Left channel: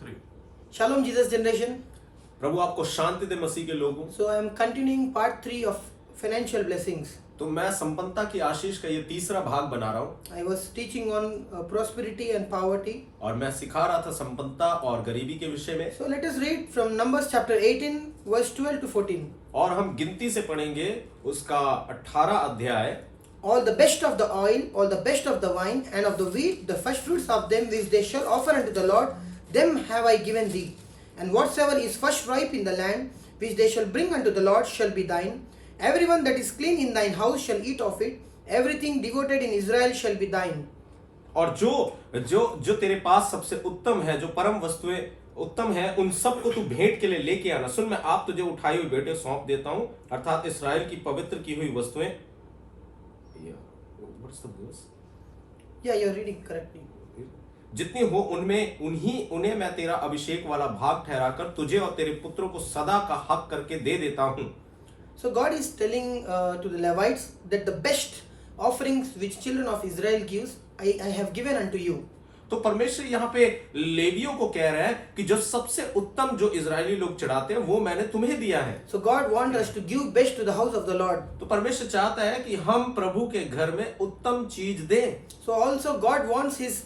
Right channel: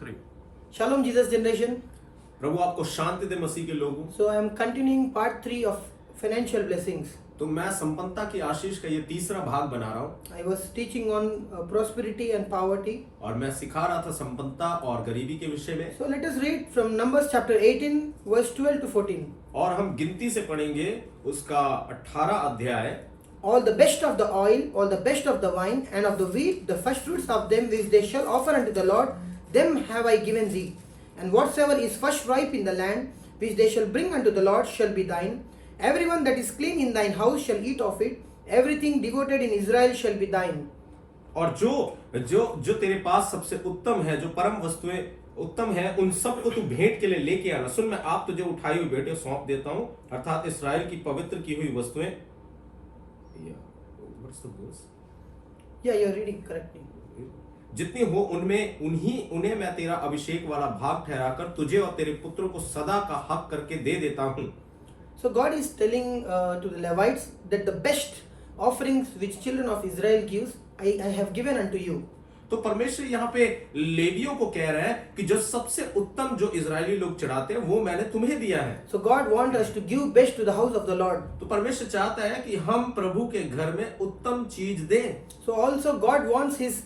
3. Shalom Jesus generation. प्रभु आपको शांति दे मसीह के लोगों। So I am continuing part 3 of financial blessings. तो मैं संपन्नता की आशीष का ये तीसरा भाग बना रहा हूँ I was teaching on prosperity and poverty. और मैं सिखा रहा था संपन्नता और गरीबी के विषय में। So let us read from Numbers chapter 18 verse 12 to 14. और हम गिनती से पढ़ेंगे उसका 18 अध्याय। All the best of the oil, all the best of the wine, and of the wheat, the first fruits of them which they shall offer unto the Lord, them have I given thee. And whatsoever is first ripe in the land, which they shall bring unto the Lord, shall be thine. Everyone that is clean in thine house shall eat of it. Everything devoted in Israel shall be thine. और जो तेरे पास सबसे उत्तम है, जो परम वस्तुएं उत्तम है, उन सब को तू भेंट के लिए लेके आना। सुन, मैं आप तुझे उठाई हुई भेंटें सौंप देता हूं, अर्थात इस्राएल की पवित्र की हुई वस्तुएं। Yeah, you are reading correctly. जितनी हो उन्हें मैं तेरा अभिषेक वाला भाग ठहराकर तुझे और तेरे पुत्रों को सदा का हक करके दे देता हूं। So God is telling to the Levites that the best offerings which children of Israel gives, I have given unto you. तो परमेश्वर यहाँ पे लेवियों को कह रहा है कि जो सबसे उत्तम जो इजरायली लोग चढ़ाते हैं वो मैंने तुम्हें दिया है। So God wants us to give best to the house of the Lord. तो परमेश्वर चाहता है कि हम प्रभु के घर में उत्तम चीज दें। So also God wants His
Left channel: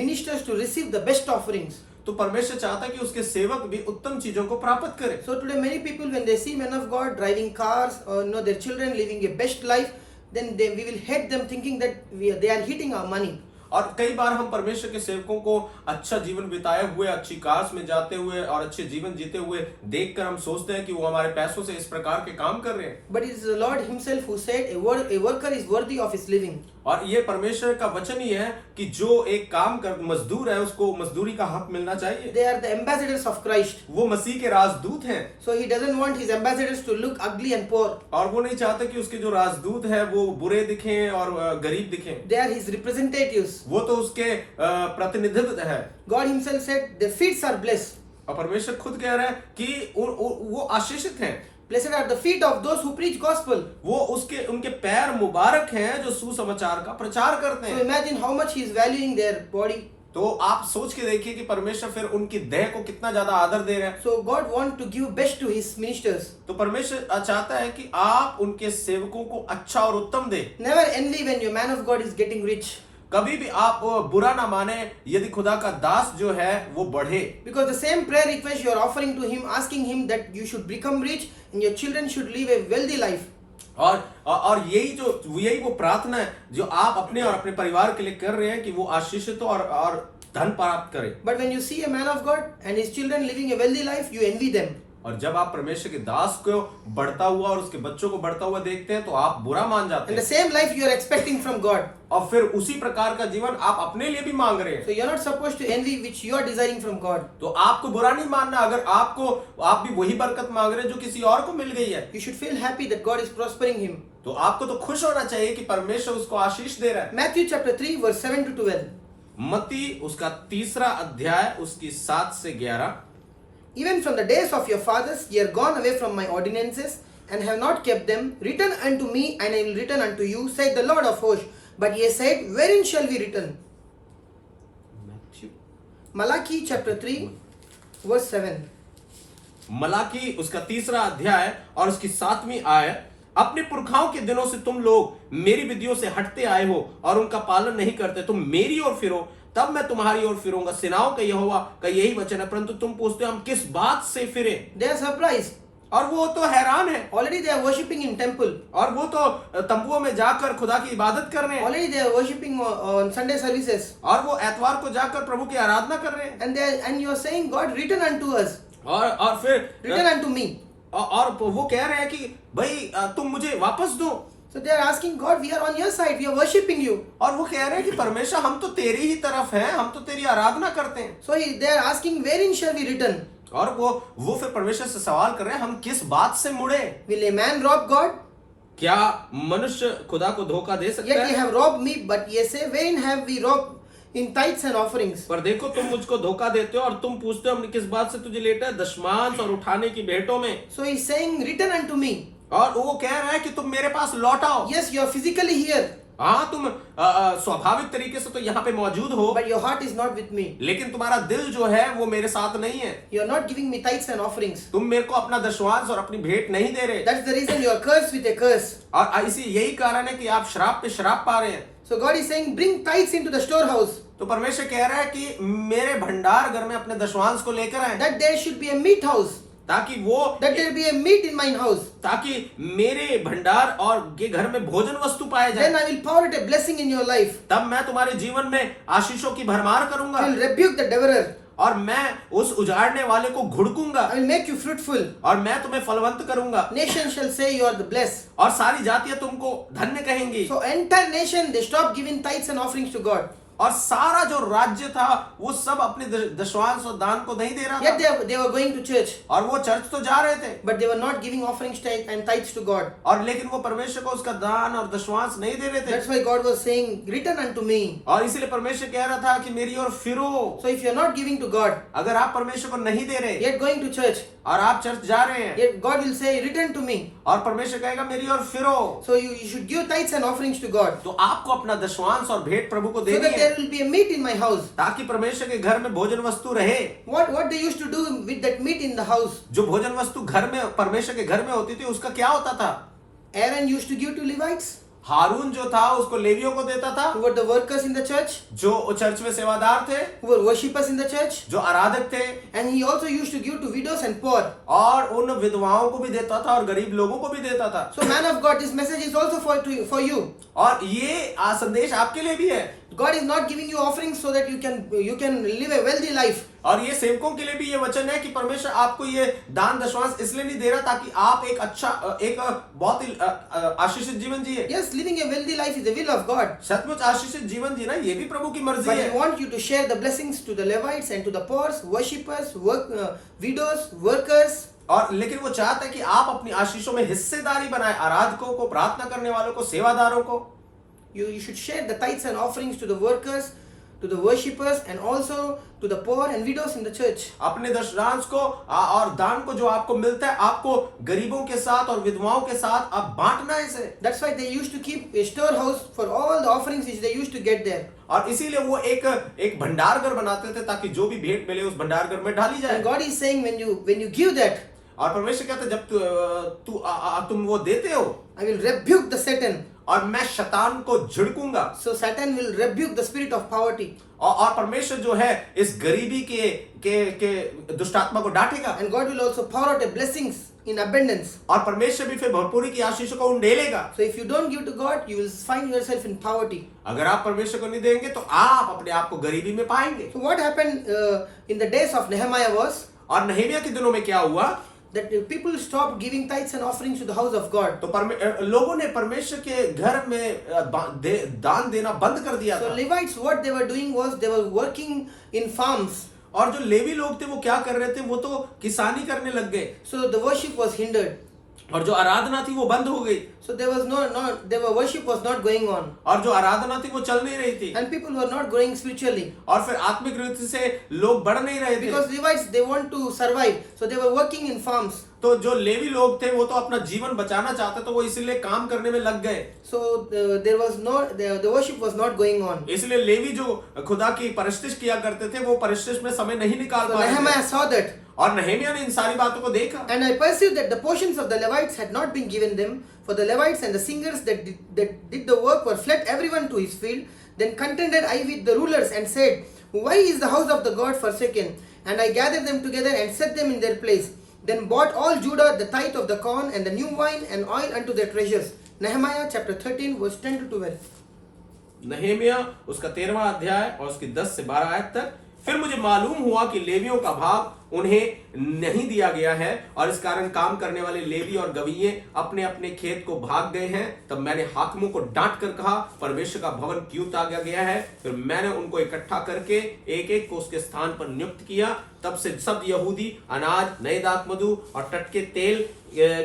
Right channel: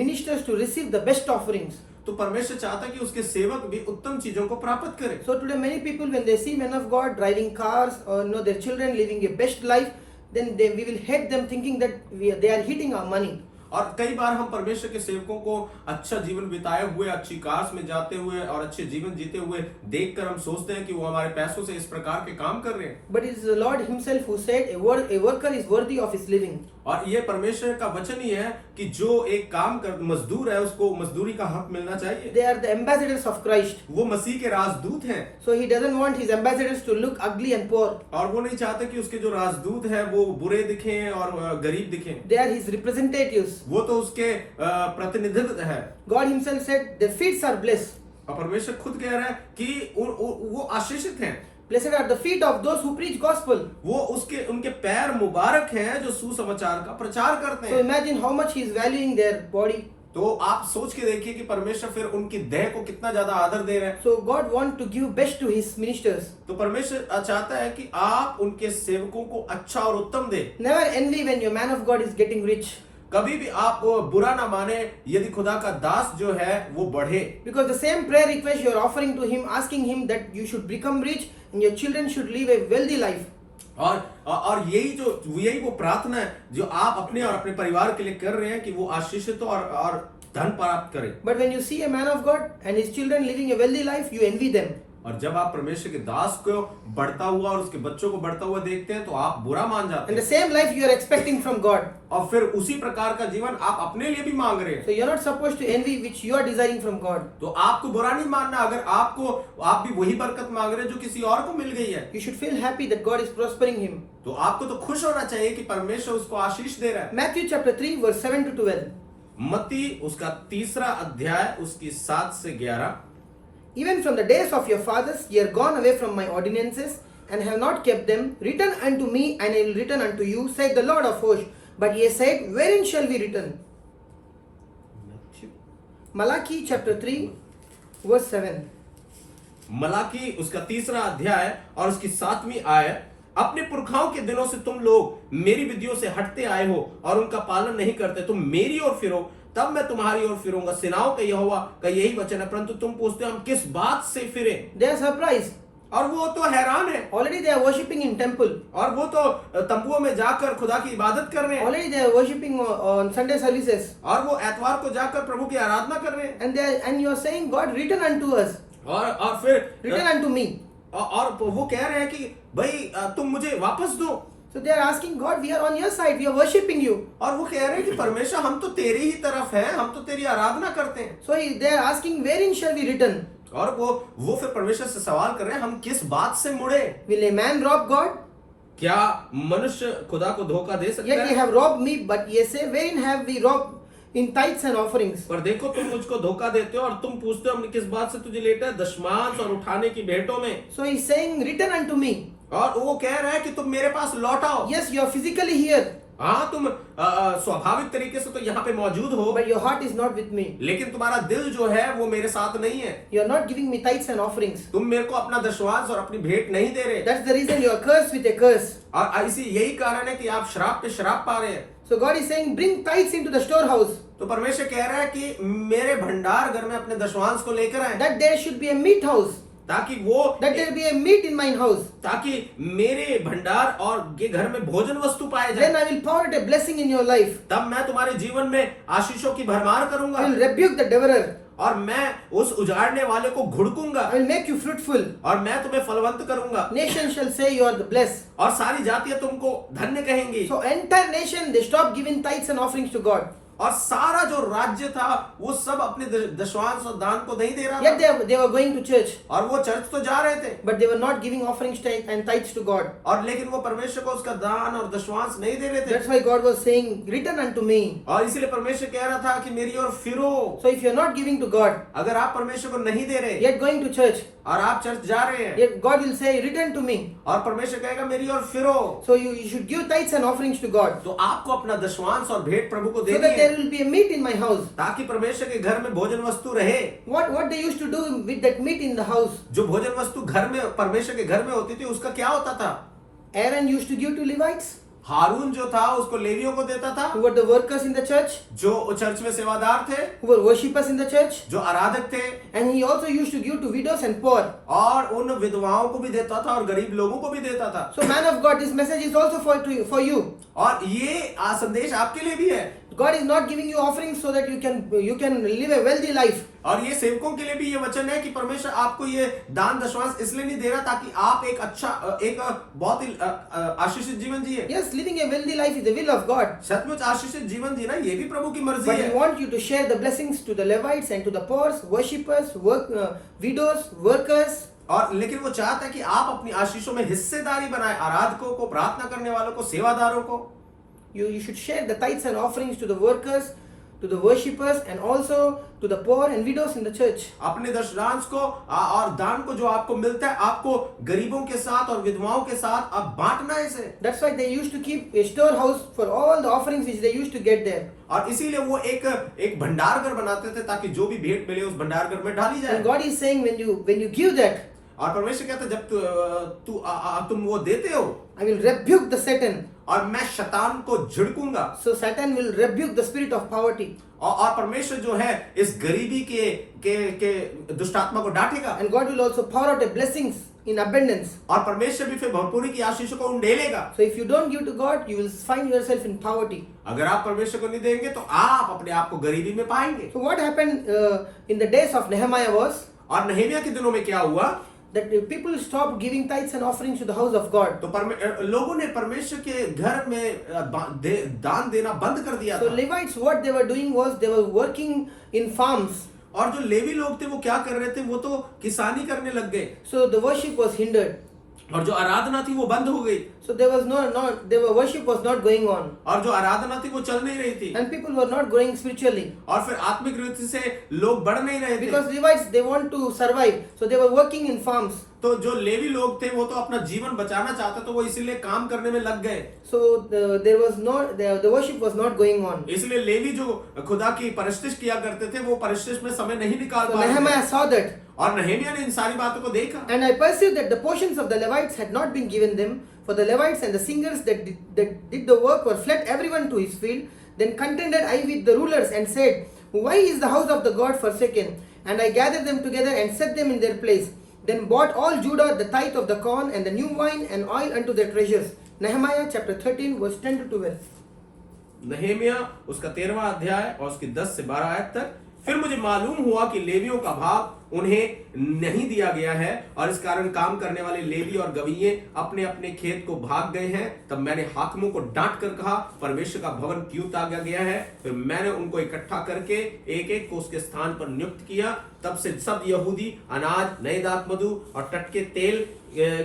ministers to receive the best offerings. तो परमेश्वर चाहता है कि उसके सेवक भी उत्तम चीजों को प्राप्त करें। So today many people when they see men of God driving cars or their children living a best life, then we will hate them thinking that they are hitting our money. और कई बार हम परमेश्वर के सेवकों को अच्छा जीवन बिताए हुए, अच्छी कार्स में जाते हुए और अच्छे जीवन जीते हुए देखकर हम सोचते हैं कि वो हमारे पैसों से इस प्रकार के काम कर रहे हैं। But it is the Lord Himself who said a worker is worthy of his living. और ये परमेश्वर का वचन ही है कि जो एक काम कर मजदूर है उसको मजदूरी का हक मिलना चाहिए। They are the ambassadors of Christ. वो मसीह के राजदूत हैं। So He doesn't want His ambassadors to look ugly and poor. और वो नहीं चाहते कि उसके जो राजदूत हैं वो बुरे दिखें और गरीब दिखें। They are His representatives. वो तो उसके प्रतिनिधित्व है। God Himself said the feet are blessed. और परमेश्वर खुद कह रहा है कि वो आशीषित हैं। Blessed are the feet of those who preach gospel. वो उनके पैर मुबारक हैं जो सुसमाचार का प्रचार करते So हैं। imagine how much He is valuing their body. तो आप सोच के देखिए कि परमेश्वर फिर उनकी देह को कितना ज्यादा आदर दे रहा है। So God wants to give best to His ministers. तो परमेश्वर चाहता है कि आप उनके सेवकों को अच्छा और उत्तम दे। Never envy when your man of God is getting rich. कभी भी आप बुरा ना माने यदि खुदा का दास जो है वो बढ़े। Because the same prayer request you are offering to Him, asking Him that you should become rich and your children should live a wealthy life. और यही वो प्रार्थना है जो आप अपने और अपने परिवार के लिए कर रहे हैं कि वो आशीषित और धन प्राप्त करें। But when you see a man of God and his children living a wealthy life, you envy them. और जब आप परमेश्वर के दास को बढ़ता हुआ और उसके बच्चों को बढ़ता हुआ देखते हैं तो आप बुरा मान जाते And the हैं। same life you are expecting from God. और फिर उसी प्रकार का जीवन आप अपने लिए भी मांग रहे हैं। So you are not supposed to envy which you are desiring from God. तो आपको बुरा नहीं मानना अगर आप भी वही बरकत मांग रहे हैं जो किसी और को मिल गई है। You should feel happy that God is prospering him. तो आपको तो खुश होना चाहिए कि परमेश्वर उसको आशीष दे रहा है। Matthew chapter 3 verse 7 to 12. मत्ती उसका 3 अध्याय उसकी 7 से 11। Even from the days of your fathers ye are gone away from my ordinances and have not kept them. Return unto me and I will return unto you, said the Lord of hosts. But ye said, wherein shall we return? Malachi chapter 3 verse 7. Malachi उसका 3 अध्याय और उसकी 7वीं आयत। अपने पुरखाओं के दिनों से तुम लोग मेरी विधियों से हटते आए हो और उनका पालन नहीं करते। तुम मेरी ओर फिरो तब मैं तुम्हारी ओर फिरूंगा। सेनाओं का यहोवा का यही वचन है। परंतु तुम पूछते हो हम किस बात से फिरे। They are surprised. और वो तो हैरान है। Already they are worshipping in temple. और वो तो तंबुओं में जाकर खुदा की इबादत कर रहे हैं। Already they are worshipping on Sunday services. और वो एतवार को जाकर प्रभु की आराधना कर रहे हैं। And you are saying, God, return unto us. और फिर Return unto me. और वो कह रहे हैं कि भाई तुम मुझे वापस दो। So they are asking God, we are on your side, we are worshipping you. और वो कह रहे हैं कि परमेश्वर हम तो तेरी ही तरफ हैं, हम तो तेरी आराधना करते हैं। So they are asking, wherein shall we return? और वो फिर परमेश्वर से सवाल कर रहे हैं हम किस बात से मुड़े। Will a man rob God? क्या मनुष्य खुदा को धोखा दे सकता Yet ye है? have robbed me, but ye say, wherein have we robbed? In tithes and offerings. पर देखो तुम मुझको धोखा देते हो और तुम पूछते हो हमने किस बात से तुझे लेटा है? दशमांश और उठाने की भेंटों में। So he is saying, return unto me. और वो कह रहा है कि तुम मेरे पास लौट आओ। Yes, you are physically here. हाँ, तुम स्वाभाविक तरीके से तो यहाँ पे मौजूद हो, but your heart is not with me. लेकिन तुम्हारा दिल जो है वो मेरे साथ नहीं है। You are not giving me tithes and offerings. तुम मेरे को अपना दशवांश और अपनी भेंट नहीं दे रहे, That's the reason you are cursed with a curse. और इसी यही कारण है कि आप श्राप पे श्राप पा रहे हैं। So God is saying, bring tithes into the storehouse, तो परमेश्वर कह रहा है कि मेरे भंडार घर में अपने दशवांश को लेकर आए, that there should be a meat house, ताकि वो that there be a meat in mine house. ताकि मेरे भंडार और के घर में भोजन वस्तु पाए Then जाए। I will pour out a blessing in your life. तब मैं तुम्हारे जीवन में आशीषों की भरमार करूंगा, I will rebuke the devourer. और मैं उस उजाड़ने वाले को घुड़कूंगा, I will make you fruitful. और मैं तुम्हें फलवंत करूंगा, Nations shall say you are the blessed. और सारी जातियां तुमको धन्य कहेंगी। So entire nation, they stopped giving tithes and offerings to God. और सारा जो राज्य था वो सब अपने दशवांश और दान को नहीं दे रहा Yet था, they were going to church, और वो चर्च तो जा रहे थे, but they were not giving offerings and tithes to God. और लेकिन वो परमेश्वर को उसका दान और दशवांश नहीं दे रहे थे। That's why God was saying, return unto me. और इसीलिए परमेश्वर कह रहा था कि मेरी ओर फिरो। So if you're not giving to God, अगर आप परमेश्वर को नहीं दे रहे yet going to church, और आप चर्च जा रहे हैं, yet God will say, return to me. और परमेश्वर कहेगा मेरी ओर फिरो, So you should give tithes and offerings to God, तो आपको अपना दशवांश और भेंट प्रभु को so देनी that है, there will be a meat in my house. ताकि परमेश्वर के घर में भोजन वस्तु रहे। What they used to do with that meat in the house? जो भोजन वस्तु घर में परमेश्वर के घर में होती थी उसका क्या होता था? Aaron used to give to Levites, हारून जो था उसको लेवियों को देता था, who were the workers in the church, जो चर्च में सेवादार थे, who were worshippers in the church, जो आराधक थे, and he also used to give to widows and poor. और उन विधवाओं को भी देता था और गरीब लोगों को भी देता था। So man of God, this message is also for you. और ये संदेश आपके लिए भी है। God is not giving you offerings so that you can live a wealthy life. और ये सेवकों के लिए भी ये वचन है कि परमेश्वर आपको ये दान दशवांश इसलिए नहीं दे रहा ताकि आप एक अच्छा एक बहुत ही आशीषित जीवन जिए। Yes, living a wealthy life is the will of God. सचमुच आशीषित जीवन जीना ये भी प्रभु की मर्जी But है। He wants you to share the blessings to the Levites and to the poor, worshippers, widows, workers. और लेकिन वो चाहता है कि आप अपनी आशीषों में हिस्सेदारी बनाए, आराधकों को, प्रार्थना करने वालों को, सेवादारों को। You should share the tithes and offerings to the workers, to the worshippers, and also to the poor and widows in the church. अपने दशवांश को और दान को जो आपको मिलता है आपको गरीबों के साथ और विधवाओं के साथ आप बांटना है इसे। That's why they used to keep a storehouse for all the offerings which they used to get there. और इसीलिए वो एक भंडार घर बनाते थे ताकि जो भी भेंट मिले उस भंडार घर में डाली जाए। And God is saying, when you give that, और परमेश्वर कहता है जब तुम वो देते हो, I will rebuke the Satan. और मैं शैतान को झिड़कूंगा। So Satan will rebuke the spirit of poverty. और परमेश्वर जो है इस गरीबी के दुष्टात्मा को डांटेगा। And God will also pour out a blessings in abundance. और परमेश्वर भी फिर भरपूरी की आशीषों को उंडेलेगा। So if you don't give to God, you will find yourself in poverty. अगर आप परमेश्वर को नहीं देंगे तो आप अपने आप को गरीबी में पाएंगे। So what happened in the days of Nehemiah was और नहम्याह के दिनों में क्या हुआ? that people stopped giving tithes and offerings to the house of God. तो लोगों ने परमेश्वर के घर में दान देना बंद कर दिया So था। Levites, what they were doing was they were working in farms. और जो लेवी लोग थे वो क्या कर रहे थे? वो तो किसानी करने लग गए, So the worship was hindered. और जो आराधना थी वो बंद हो गई, So there was their worship was not going on, और जो आराधना थी वो चल नहीं रही थी, and people were not growing spiritually और फिर आत्मिक रीति से लोग बढ़ नहीं रहे थे। because Levites, they want to survive. So they were working in farms. तो जो लेवी लोग थे वो तो अपना जीवन बचाना चाहते, तो वो इसीलिए काम करने में लग गए। So there was the worship was not going on. इसलिए लेवी जो खुदा की परिस्थिति किया करते थे वो परिस्थिति में समय नहीं निकाल So पा रहे थे। Nehemiah saw that, और नहम्याह ने इन सारी बातों को देखा, and I perceived that the portions of the Levites had not been given them, for the Levites and the singers that did the work were fled everyone to his field. Then contended I with the rulers and said, why is the house of the God forsaken? And I gathered them together and set them in their place. Then bought all Judah the tithe of the corn and the new wine and oil unto their treasures. Nehemiah chapter 13 verse 10 to 12. नहम्याह उसका 13वां अध्याय और उसकी 10 से 12 आयत तक। फिर मुझे मालूम हुआ कि लेवियों का भाग उन्हें नहीं दिया गया है, और इस कारण काम करने वाले लेवी और गवीये अपने अपने खेत को भाग गए हैं। तब मैंने हाकिमों को डांट कर कहा, परमेश्वर का भवन क्यों त्यागा गया है? फिर मैंने उनको इकट्ठा करके एक एक को उसके स्थान पर नियुक्त किया। तब से सब यहूदी अनाज, नए दाखमधु और टटके तेल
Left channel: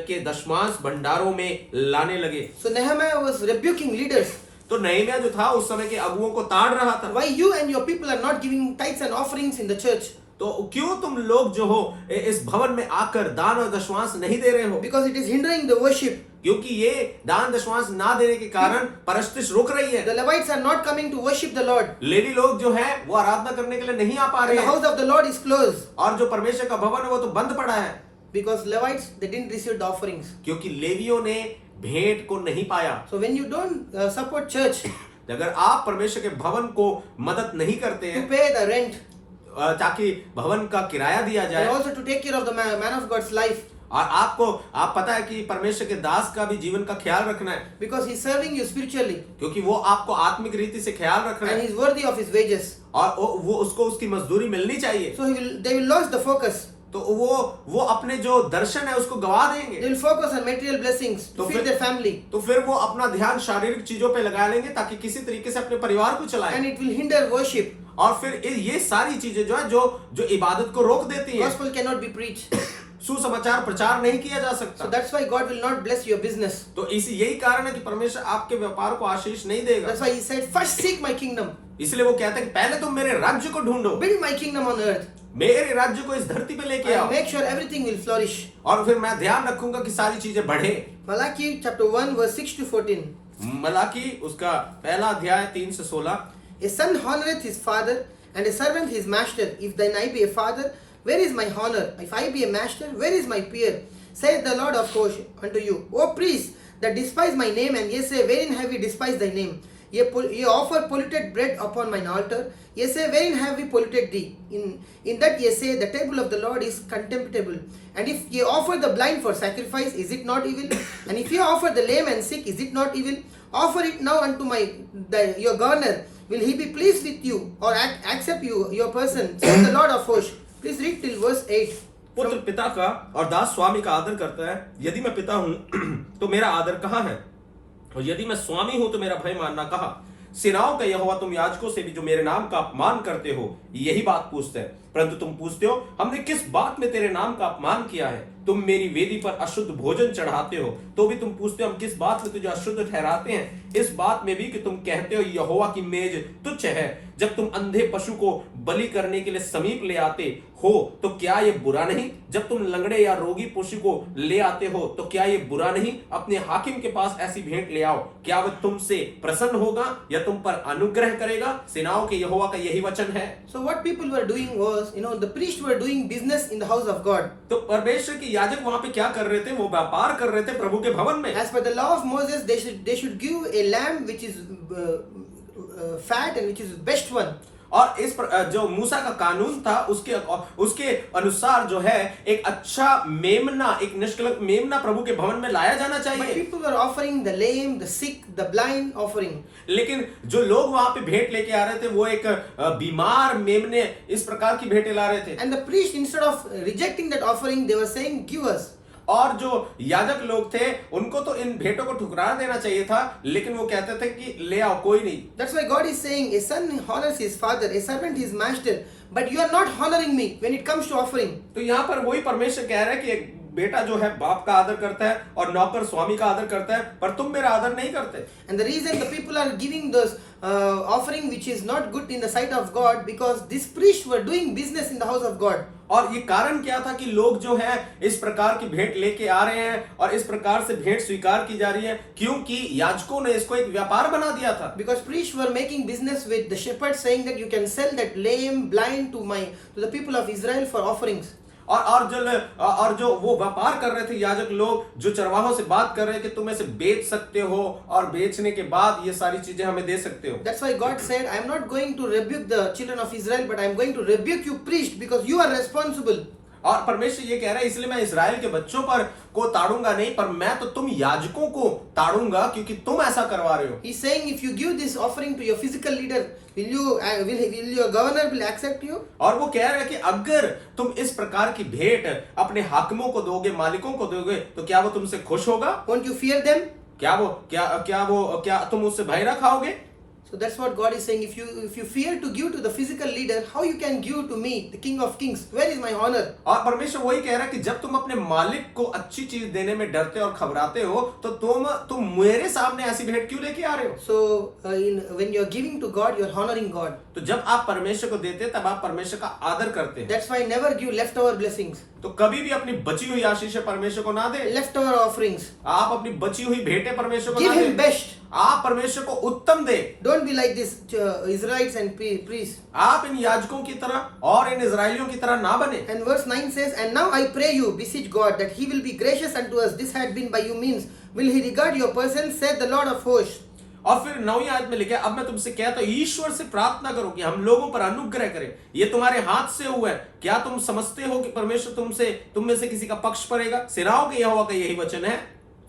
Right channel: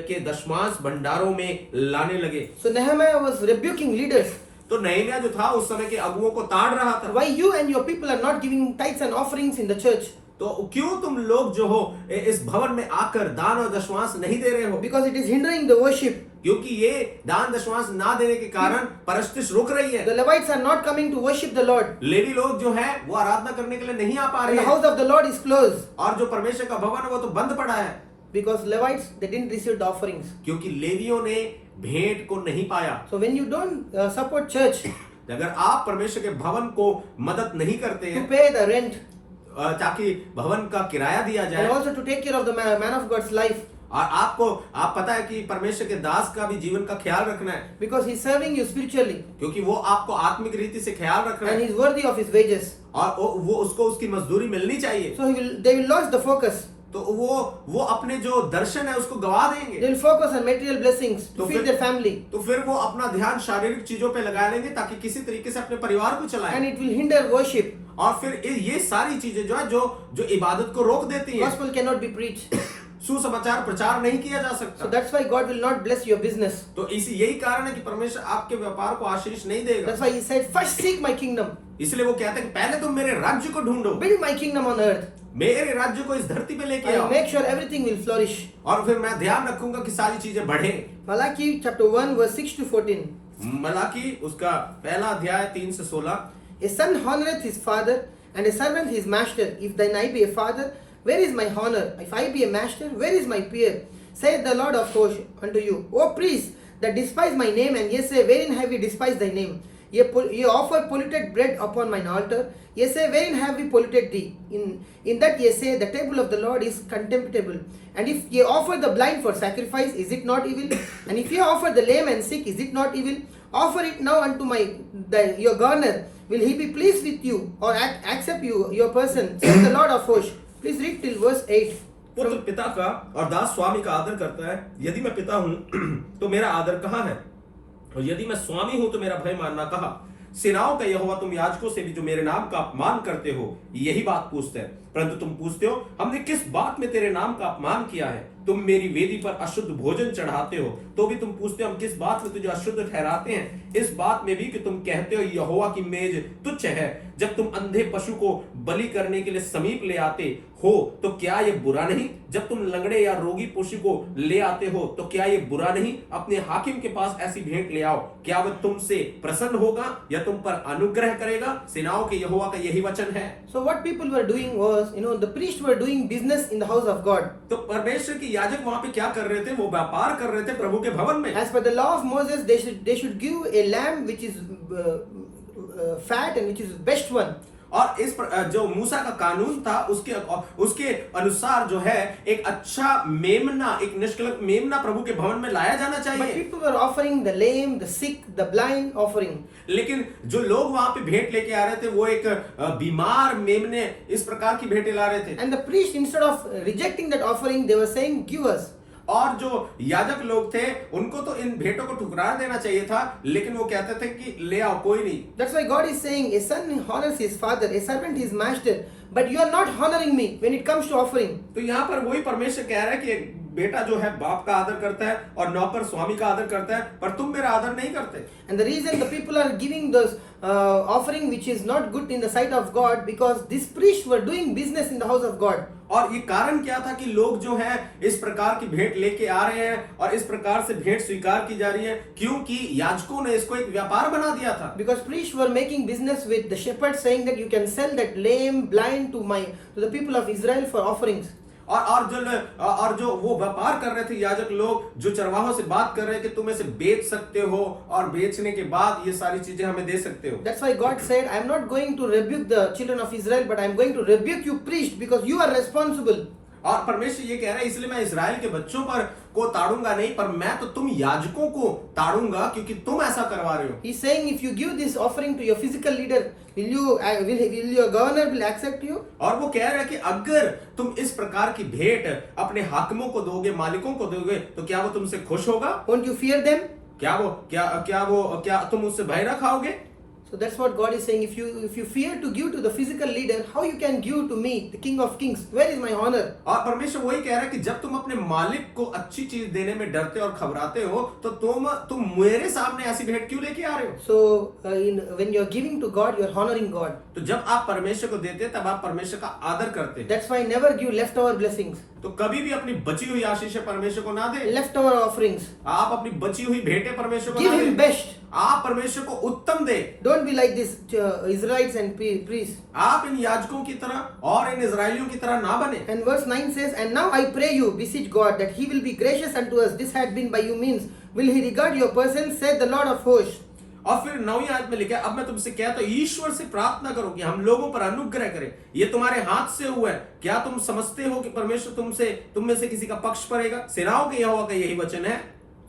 के दशमांश भंडारों में लाने लगे। So Nehemiah was rebuking leaders. तो नहम्याह जो था उस समय के अगुओं को ताड़ रहा था। Why you and your people are not giving tithes and offerings in the church? तो क्यों तुम लोग जो हो इस भवन में आकर दान और दशमांश नहीं दे रहे हो? Because it is hindering the worship. क्योंकि ये दान दशमांश ना देने के कारण परस्तिश रुक रही है। The Levites are not coming to worship the Lord. Levi लोग जो है वो आराधना करने के लिए नहीं आ पा And रहे the हैं house of the Lord is closed. और जो परमेश्वर का भवन है वो तो बंद पड़ा है, Because Levites, they didn't receive the offerings. क्योंकि लेवियों ने भेंट को नहीं पाया। So when you don't support church अगर आप परमेश्वर के भवन को मदद नहीं करते to हैं pay the rent ताकि भवन का किराया दिया and जाए, also to take care of the man of God's life, और आप पता है कि परमेश्वर के दास का भी जीवन का ख्याल रखना है, because he's serving you spiritually क्योंकि वो आपको आत्मिक रीति से ख्याल रख रहा and है he's worthy of his wages. और वो उसको उसकी मजदूरी मिलनी चाहिए। So they will lose the focus. तो वो अपने जो दर्शन है उसको गवा They देंगे, will focus on material blessings to तो feed फिर- their family, तो फिर वो अपना ध्यान शारीरिक चीजों पे लगा लेंगे ताकि किसी तरीके से अपने परिवार को and चलाएं, it will hinder worship. और फिर ये सारी चीजें जो है जो इबादत को रोक देती है। Gospel cannot be preached. सुसमाचार प्रचार नहीं किया जा So सकता। that's why God will not bless your business. तो यही कारण है कि परमेश्वर आपके व्यापार को आशीष नहीं देगा। That's why he said, first seek my kingdom. इसलिए वो कहता है कि पहले तुम मेरे राज्य को ढूंढो, Build my kingdom on earth. मेरे राज्य को इस धरती पे लेके I'll आओ, make sure everything will flourish. और फिर मैं ध्यान रखूंगा कि सारी चीजें बढ़े। Malachi chapter 1 verse 6 to 14. Malachi उसका पहला अध्याय 3 से 16। A son honoreth his father, and a servant his master. If then I be a father, where is my honor? If I be a master, where is my peer? Saith the Lord of hosts unto you, O priests that despise my name, and ye say, wherein have we despised thy name? Ye offer polluted bread upon mine altar. Ye say, wherein have we polluted thee? In that ye say, the table of the Lord is contemptible. And if ye offer the blind for sacrifice, is it not evil? And if ye offer the lame and sick, is it not evil? Offer it now unto your garner. Will he be pleased with you, or accept your person? Says the Lord of hosts. Please read till verse 8. पुत्र पिता का और दास स्वामी का आदर करता है। यदि मैं पिता हूं तो मेरा आदर कहाँ है, और यदि मैं स्वामी हूं तो मेरा भय मानना कहाँ। सेनाओं का यहोवा तुम याजकों से भी जो मेरे नाम का अपमान करते हो यही बात पूछते हैं, परंतु तुम पूछते हो हमने किस बात में तेरे नाम का अपमान किया है। तुम मेरी वेदी पर अशुद्ध भोजन चढ़ाते हो, तो भी तुम पूछते हो हम किस बात में तुझे अशुद्ध ठहराते हैं। इस बात में भी कि तुम कहते हो यहोवा की मेज तुच्छ है। जब तुम अंधे पशु को बलि करने के लिए समीप ले आते हो तो क्या ये बुरा नहीं? जब तुम लंगड़े या रोगी पशु को ले आते हो तो क्या ये बुरा नहीं? अपने हाकिम के पास ऐसी भेंट ले आओ, क्या वह तुमसे प्रसन्न होगा या तुम पर अनुग्रह करेगा? सेनाओं के यहोवा का यही वचन है। So what people were doing was, the priests were doing business in the house of God. तो परमेश्वर के याजक वहां पे क्या कर रहे थे? वो व्यापार कर रहे थे प्रभु के भवन में। As per the law of Moses, they should give a lamb which is fat and which is best one. और जो मूसा का कानून था उसके अनुसार जो है एक अच्छा मेमना, एक निष्कलंक मेमना प्रभु के भवन में लाया जाना But चाहिए। people were offering the lame, the sick, the blind offering. लेकिन जो लोग वहां पे भेंट लेके आ रहे थे वो एक बीमार मेमने इस प्रकार की भेंटें ला रहे थे। And the priest, instead of rejecting that offering, they were saying, give us. और जो याजक लोग थे उनको तो इन भेंटों को ठुकरा देना चाहिए था, लेकिन वो कहते थे कि ले आओ, कोई नहीं। That's why God is saying, a son honors his father, a servant his master, but you are not honoring me when it comes to offering. तो यहाँ पर वही परमेश्वर कह रहा है कि एक बेटा जो है बाप का आदर करता है और नौकर स्वामी का आदर करता है, पर तुम मेरा आदर नहीं करते। And the reason the people are giving this offering which is not good in the sight of God, because these priests were doing business in the house of God. और ये कारण क्या था कि लोग जो है इस प्रकार की भेंट लेके आ रहे हैं और इस प्रकार से भेंट स्वीकार की जा रही है, क्योंकि याजकों ने इसको एक व्यापार बना दिया था। Because priests were making business with the shepherds, saying that you can sell that lame, blind to the people of Israel for offerings. और जो वो व्यापार कर रहे थे याजक लोग, जो चरवाहों से बात कर रहे हैं कि तुम इसे बेच सकते हो और बेचने के बाद ये सारी चीजें हमें दे सकते हो। That's why God said, I am not going to rebuke the children of Israel, but I am going to rebuke you priests, because you are responsible. और परमेश्वर ये कह रहा है इसलिए मैं इस्राएल के बच्चों पर को ताड़ूंगा नहीं, पर मैं तो तुम याजकों को ताड़ूंगा क्योंकि तुम ऐसा करवा रहे हो। He's saying, if you give this offering to your physical leader, will your governor will accept you? और वो कह रहा है कि अगर तुम इस प्रकार की भेंट अपने हाकिमों को दोगे, मालिकों को दोगे, तो क्या वो तुमसे खुश होगा? Won't you fear them? क्या तुम उससे भय रखाओगे? So that's what God is saying. If you fear to give to the physical leader, how you can give to me, the King of Kings? Where is my honor? और परमेश्वर वही कह रहा है कि जब तुम अपने मालिक को अच्छी चीज देने में डरते और घबराते हो तो तुम मेरे सामने ऐसी भेंट क्यों लेके आ रहे हो? So when you are giving to God, you are honoring God. तो जब आप परमेश्वर को देते हैं तब आप परमेश्वर का आदर करते हैं। That's why never give leftover blessings, तो कभी भी अपनी बची हुई आशीषें परमेश्वर को ना दे। leftover offerings. आप अपनी बची हुई भेंटें परमेश्वर को Give ना Him दे। best. आप परमेश्वर को उत्तम दे। Don't be like this Israelites and priests. आप इन याजकों की तरह और इन इजरायलियों की तरह ना बने। And verse 9 says, And now I pray you, beseech God, that He will be gracious unto us. This had been by you means. Will He regard your person, said the Lord of hosts. और फिर 9वीं आयत में लिखा है, अब मैं तुमसे कहता हूं ईश्वर से प्रार्थना करो कि हम लोगों पर अनुग्रह करे। ये तुम्हारे हाथ से हुआ है। क्या तुम समझते हो कि परमेश्वर तुम में से किसी का पक्ष पड़ेगा? सेनाओं के यहोवा का यही वचन है।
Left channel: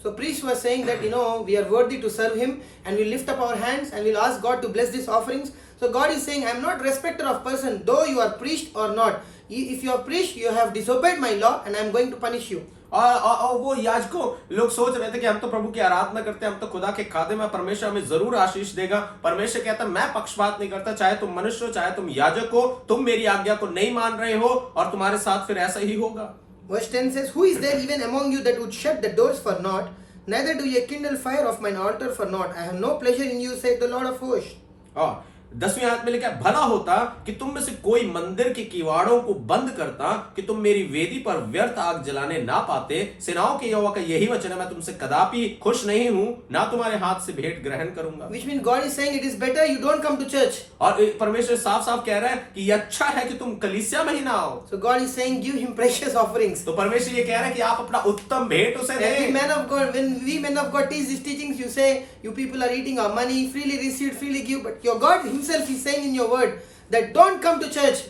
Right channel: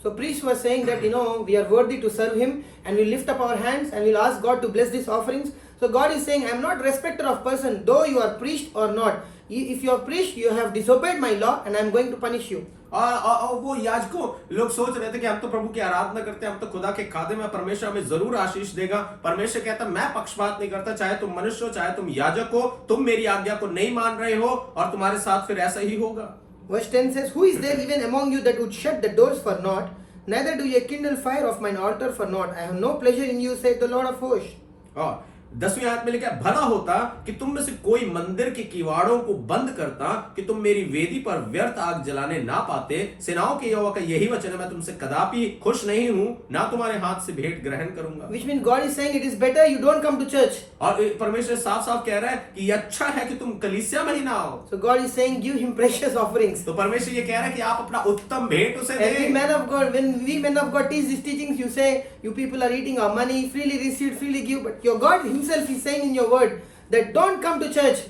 So priests were saying that, we are worthy to serve Him, and we lift up our hands and we'll ask God to bless these offerings. So God is saying, I am not respecter of person, though you are priest or not. If you are priest, you have disobeyed my law, and I am going to punish you. और वो याजकों लोग सोच रहे थे कि हम तो प्रभु की आराधना करते हैं, हम तो खुदा के खादे में, परमेश्वर हमें जरूर आशीष देगा। परमेश्वर कहता मैं पक्षपात नहीं करता, चाहे तुम मनुष्य हो चाहे तुम याजक हो, तुम मेरी आज्ञा को नहीं मान रहे हो और तुम्हारे साथ फिर ऐसा ही होगा। Verse 10 says, Who is there even among you that would shut the doors for naught? Neither do ye kindle fire of mine altar for naught. I have no pleasure in you, saith the Lord of hosts. और 10वीं आयत में लिखा है, भला होता कि तुम में से कोई मंदिर के किवाड़ों को बंद करता कि तुम मेरी वेदी पर व्यर्थ आग जलाने ना पाते। सेनाओं के यहोवा का यही वचन है, मैं तुमसे कदापि खुश नहीं हूं, ना तुम्हारे हाथ से भेंट ग्रहण करूंगा। Which means God is saying it is better you don't come to church. और परमेश्वर साफ साफ कह रहा है कि ये अच्छा है कि तुम कलीसिया में ही ना आओ। So God is saying give Him precious offerings. तो परमेश्वर ये कह रहा है कि आप अपना उत्तम भेंट उसे Every दें। man of God, when we men of God teach these teachings, you say you people are eating our money, freely received, freely give. But your God Himself is saying in your word that don't come to church.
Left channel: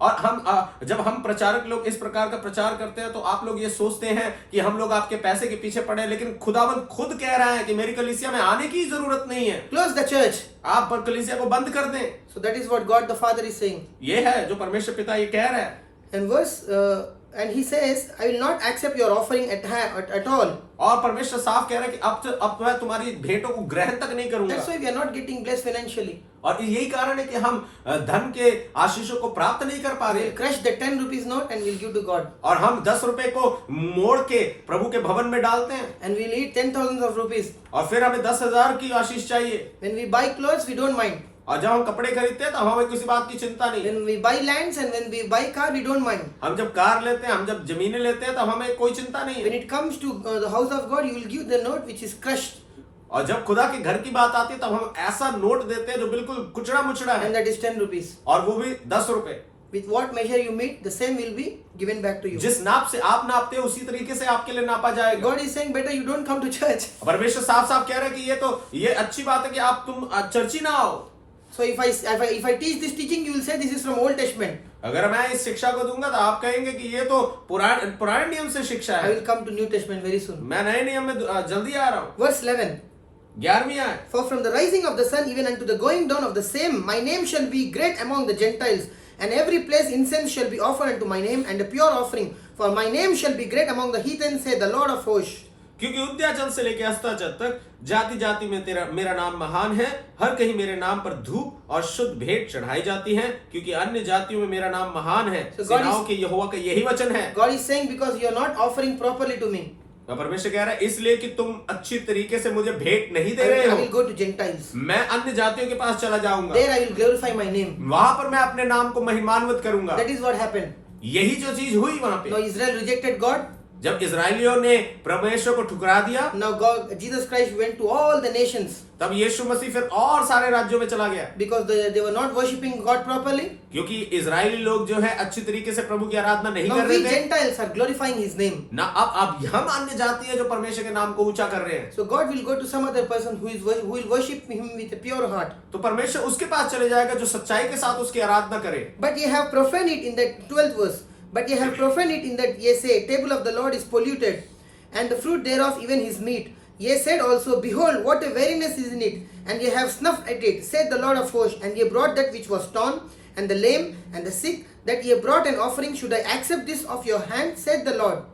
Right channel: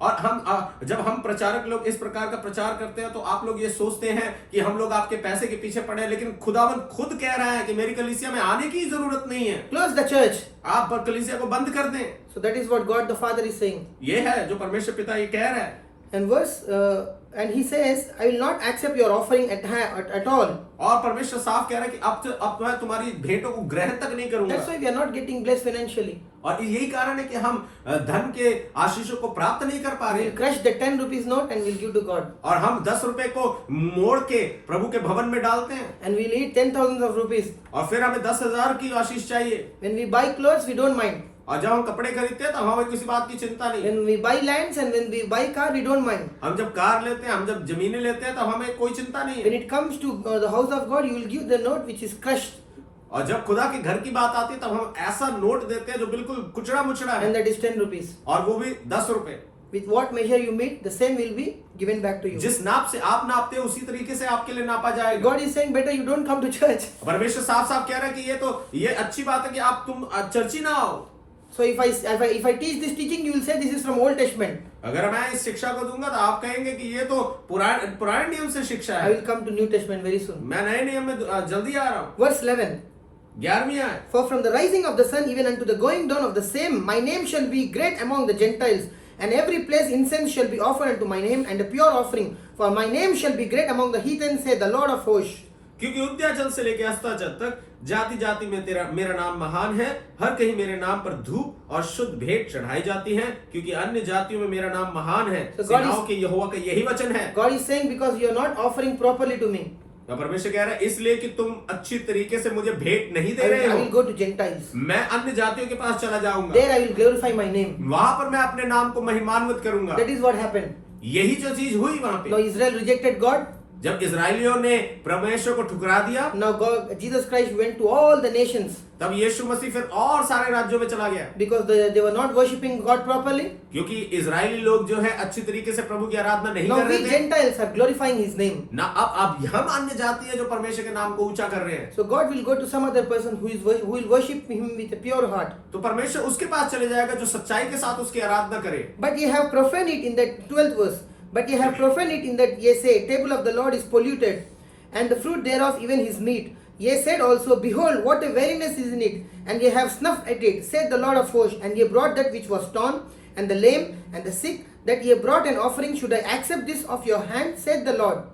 और जब हम प्रचारक लोग इस प्रकार का प्रचार करते हैं तो आप लोग ये सोचते हैं कि हम लोग आपके पैसे के पीछे पड़े हैं, लेकिन खुदावंद खुद कह रहा है कि मेरी कलीसिया में आने की जरूरत नहीं है। Close the church. आप कलीसिया को बंद कर दें। So that is what God the Father is saying. ये है जो परमेश्वर पिता ये कह रहा है। And He says, I will not accept your offering at all. और परमेश्वर साफ कह रहा है कि अब मैं तुम्हारी भेंटों को ग्रहण तक नहीं करूंगा। That's why we are not getting blessed financially. और यही कारण है कि हम धन के आशीषों को प्राप्त नहीं कर पा रहे। We'll crush the 10 rupees note and we'll give to God. और हम 10 रुपए को मोड़ के प्रभु के भवन में डालते हैं। And we'll eat 10,000 of rupees. और फिर हमें 10,000 की आशीष चाहिए। When we buy clothes, we don't mind. और जब हम कपड़े खरीदते हैं तो हमें किसी बात की चिंता नहीं। When we buy lands and when we buy car, we don't mind. हम जब कार लेते हैं, हम जब जमीनें लेते हैं तो हमें कोई चिंता नहीं When है। it comes to the house of God, you will give the note which is crushed, और जब खुदा के घर की बात आती है तब हम ऐसा नोट देते हैं जो बिल्कुल कुचड़ा मुचड़ा है, and that is 10 rupees. और वो भी 10 रुपए। With what measure you meet, the same will be given back to you. जिस नाप से आप नापते हो उसी तरीके से आपके लिए नापा जाएगा। God is saying better you don't come to church. परमेश्वर साफ साफ कह रहे हैं कि ये अच्छी बात है कि आप तुम चर्ची ना आओ। So if I teach this teaching, you will say this is from Old Testament. अगर मैं इस शिक्षा को दूंगा तो आप कहेंगे कि ये तो पुराने नियम से शिक्षा I है। will come to New Testament very soon. मैं नए नियम में जल्दी आ रहा हूँ। Verse 11. 11वीं आयत। For from the rising of the sun even unto the going down of the same, my name shall be great among the Gentiles, and every place incense shall be offered unto my name, and a pure offering. For my name shall be great among the heathen, saith the Lord of hosts. क्योंकि उद्याचल से लेकर अस्ताचल तक जाति जाति में मेरा नाम महान है। हर कहीं मेरे नाम पर धूप और शुद्ध भेंट चढ़ाई जाती है, क्योंकि अन्य जातियों में मेरा नाम महान है। सेनाओं के यहोवा का यही वचन है। God is saying because you are not offering properly to me, तो परमेश्वर कह रहा है इसलिए कि तुम अच्छी तरीके से मुझे भेंट नहीं दे I रहे will हो। go to Gentiles. मैं अन्य जातियों के पास चला जाऊंगा, There I will glorify my name. वहां पर मैं अपने नाम को महिमान्वित करूंगा। That is what happened. यही जो चीज हुई वहां Now पे, Israel rejected God. जब इजरायलियों ने परमेश्वर को ठुकरा दिया, Now Jesus Christ went to all the nations तब यीशु मसीह फिर और सारे राज्यों में चला गया, because they were not worshipping God properly. क्योंकि इजरायली लोग जो है अच्छी तरीके से प्रभु की आराधना नहीं Now कर we रहे थे। Gentiles are glorifying His name. ना अब हम अन्य जाति है जो परमेश्वर के नाम को ऊंचा कर रहे हैं। So God will go to some other person who will worship Him with a pure heart. तो परमेश्वर उसके पास चले जाएगा जो सच्चाई के साथ उसकी आराधना करे। But ye have profaned it in the 12th verse. But ye have profaned it in that ye say, table of the Lord is polluted, and the fruit thereof even his meat. Ye said also, behold, what a weariness is in it, and ye have snuffed at it, said the Lord of hosts. And ye brought that which was torn, and the lame, and the sick, that ye brought an offering. Should I accept this of your hand, said the Lord.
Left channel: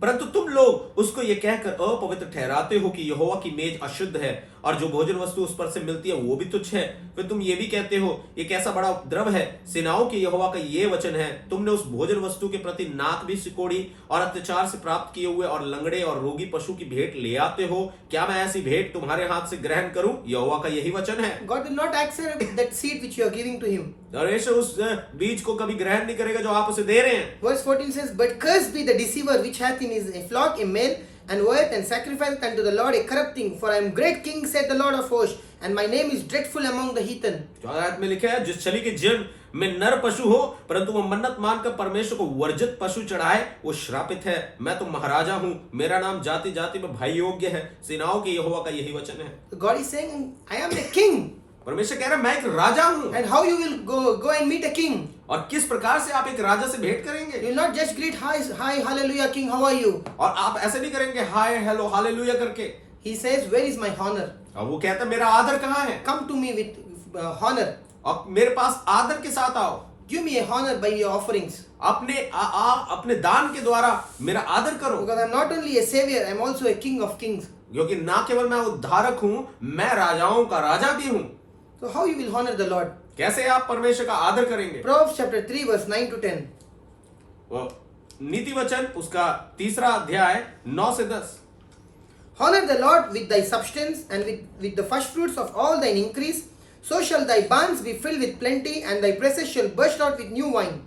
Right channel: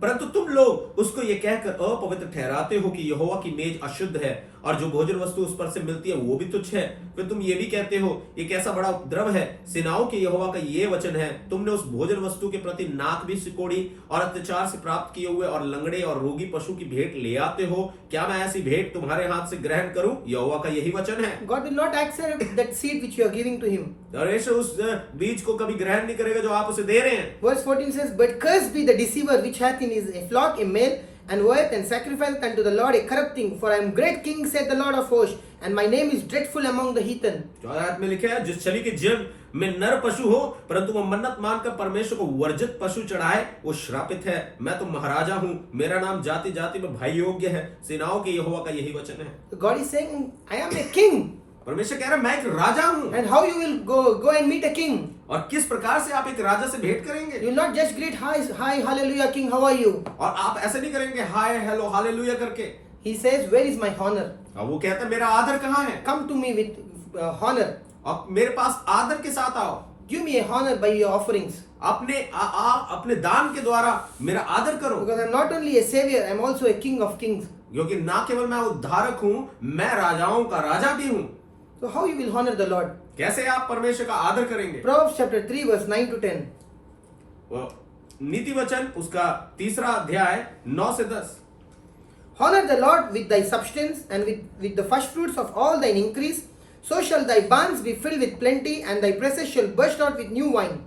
परंतु तुम लोग उसको ये कहकर अपवित्र ठहराते हो कि यहोवा की मेज अशुद्ध है, और जो भोजन वस्तु उस पर से मिलती है वो भी तुच्छ है। फिर तुम ये भी कहते हो ये कैसा बड़ा उपद्रव है। सेनाओं के यहोवा का ये वचन है, तुमने उस भोजन वस्तु के प्रति नाक भी सिकोड़ी और अत्याचार से प्राप्त किए हुए और लंगड़े और रोगी पशु की भेंट ले आते हो। क्या मैं ऐसी भेंट तुम्हारे हाथ से ग्रहण करूं? यहोवा का यही वचन है। God will not accept that seed which you are giving to him. परमेश्वर उस बीज को कभी ग्रहण नहीं करेगा जो आप उसे दे रहे हैं। Verse 14 says, But cursed be the deceiver which hath in his flock a male, and goeth and sacrificeth unto the Lord a corrupt thing. For I am great king, said the Lord of hosts, and my name is dreadful among the heathen. 14 में लिखा है, जिस छली के जन में नर पशु हो परंतु वो मन्नत मानकर परमेश्वर को वर्जित पशु चढ़ाए वो श्रापित है। मैं तो महाराजा हूँ, मेरा नाम जाति जाति में भाई योग्य है। सेनाओं के यहोवा का यही वचन है। God is saying, I am a king. परमेश्वर कह रहा है मैं एक राजा हूँ। And how you will go and meet a king? और किस प्रकार से आप एक राजा से भेंट करेंगे? You will not just greet, hi, hallelujah, king, how are you? और आप ऐसे नहीं करेंगे हाय हेलो हालेलुया करके। He says, Where is my honor? और वो कहता है मेरा आदर कहाँ है? Come to me with honor. और मेरे पास आदर के साथ आओ। Give me a honor by your offerings. अपने दान के द्वारा मेरा आदर करो। Because I am not only a savior, I am also a king of kings. क्योंकि ना केवल मैं उद्धारक हूँ, मैं राजाओं का राजा भी हूँ। So how you will honor the Lord? कैसे आप परमेश्वर का आदर करेंगे? Proverbs chapter 3 verse 9 to 10. नीति वचन उसका 3 अध्याय 9 से 10। Honor the Lord with thy substance and with the first fruits of all thine increase. So shall thy barns be filled with plenty, and thy presses shall burst out with new wine.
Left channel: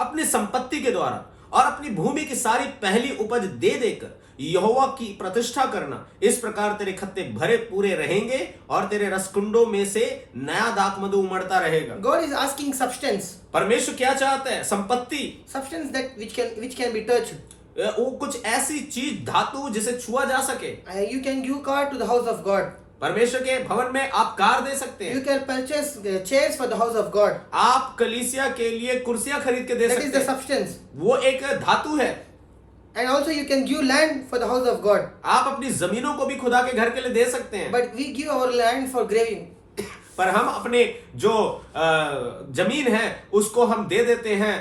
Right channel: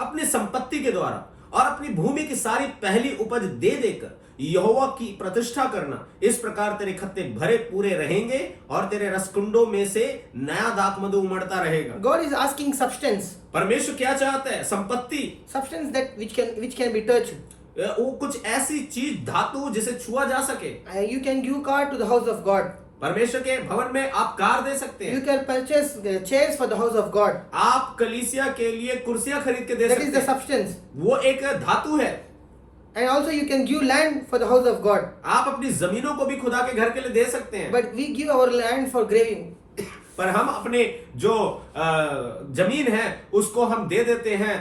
अपनी संपत्ति के द्वारा और अपनी भूमि की सारी पहली उपज दे देकर यहोवा की प्रतिष्ठा करना, इस प्रकार तेरे खत्ते भरे पूरे रहेंगे और तेरे रसकुंडों में से नया दाखमधु उमड़ता रहेगा। God is asking substance. परमेश्वर क्या चाहता है? संपत्ति। Substance that which can be touched. वो कुछ ऐसी चीज धातु जिसे छुआ जा सके। You can give car to the house of God. परमेश्वर के भवन में आप कार दे सकते हैं। You can purchase chairs for the house of God. आप कलीसिया के लिए कुर्सियां खरीद के दे That सकते is हैं। the substance. वो एक धातु है। And also you can give land for the house of God. आप अपनी जमीनों को भी खुदा के घर के लिए दे सकते हैं। But we give our land for graving. पर हम अपने जो जमीन है उसको हम दे देते हैं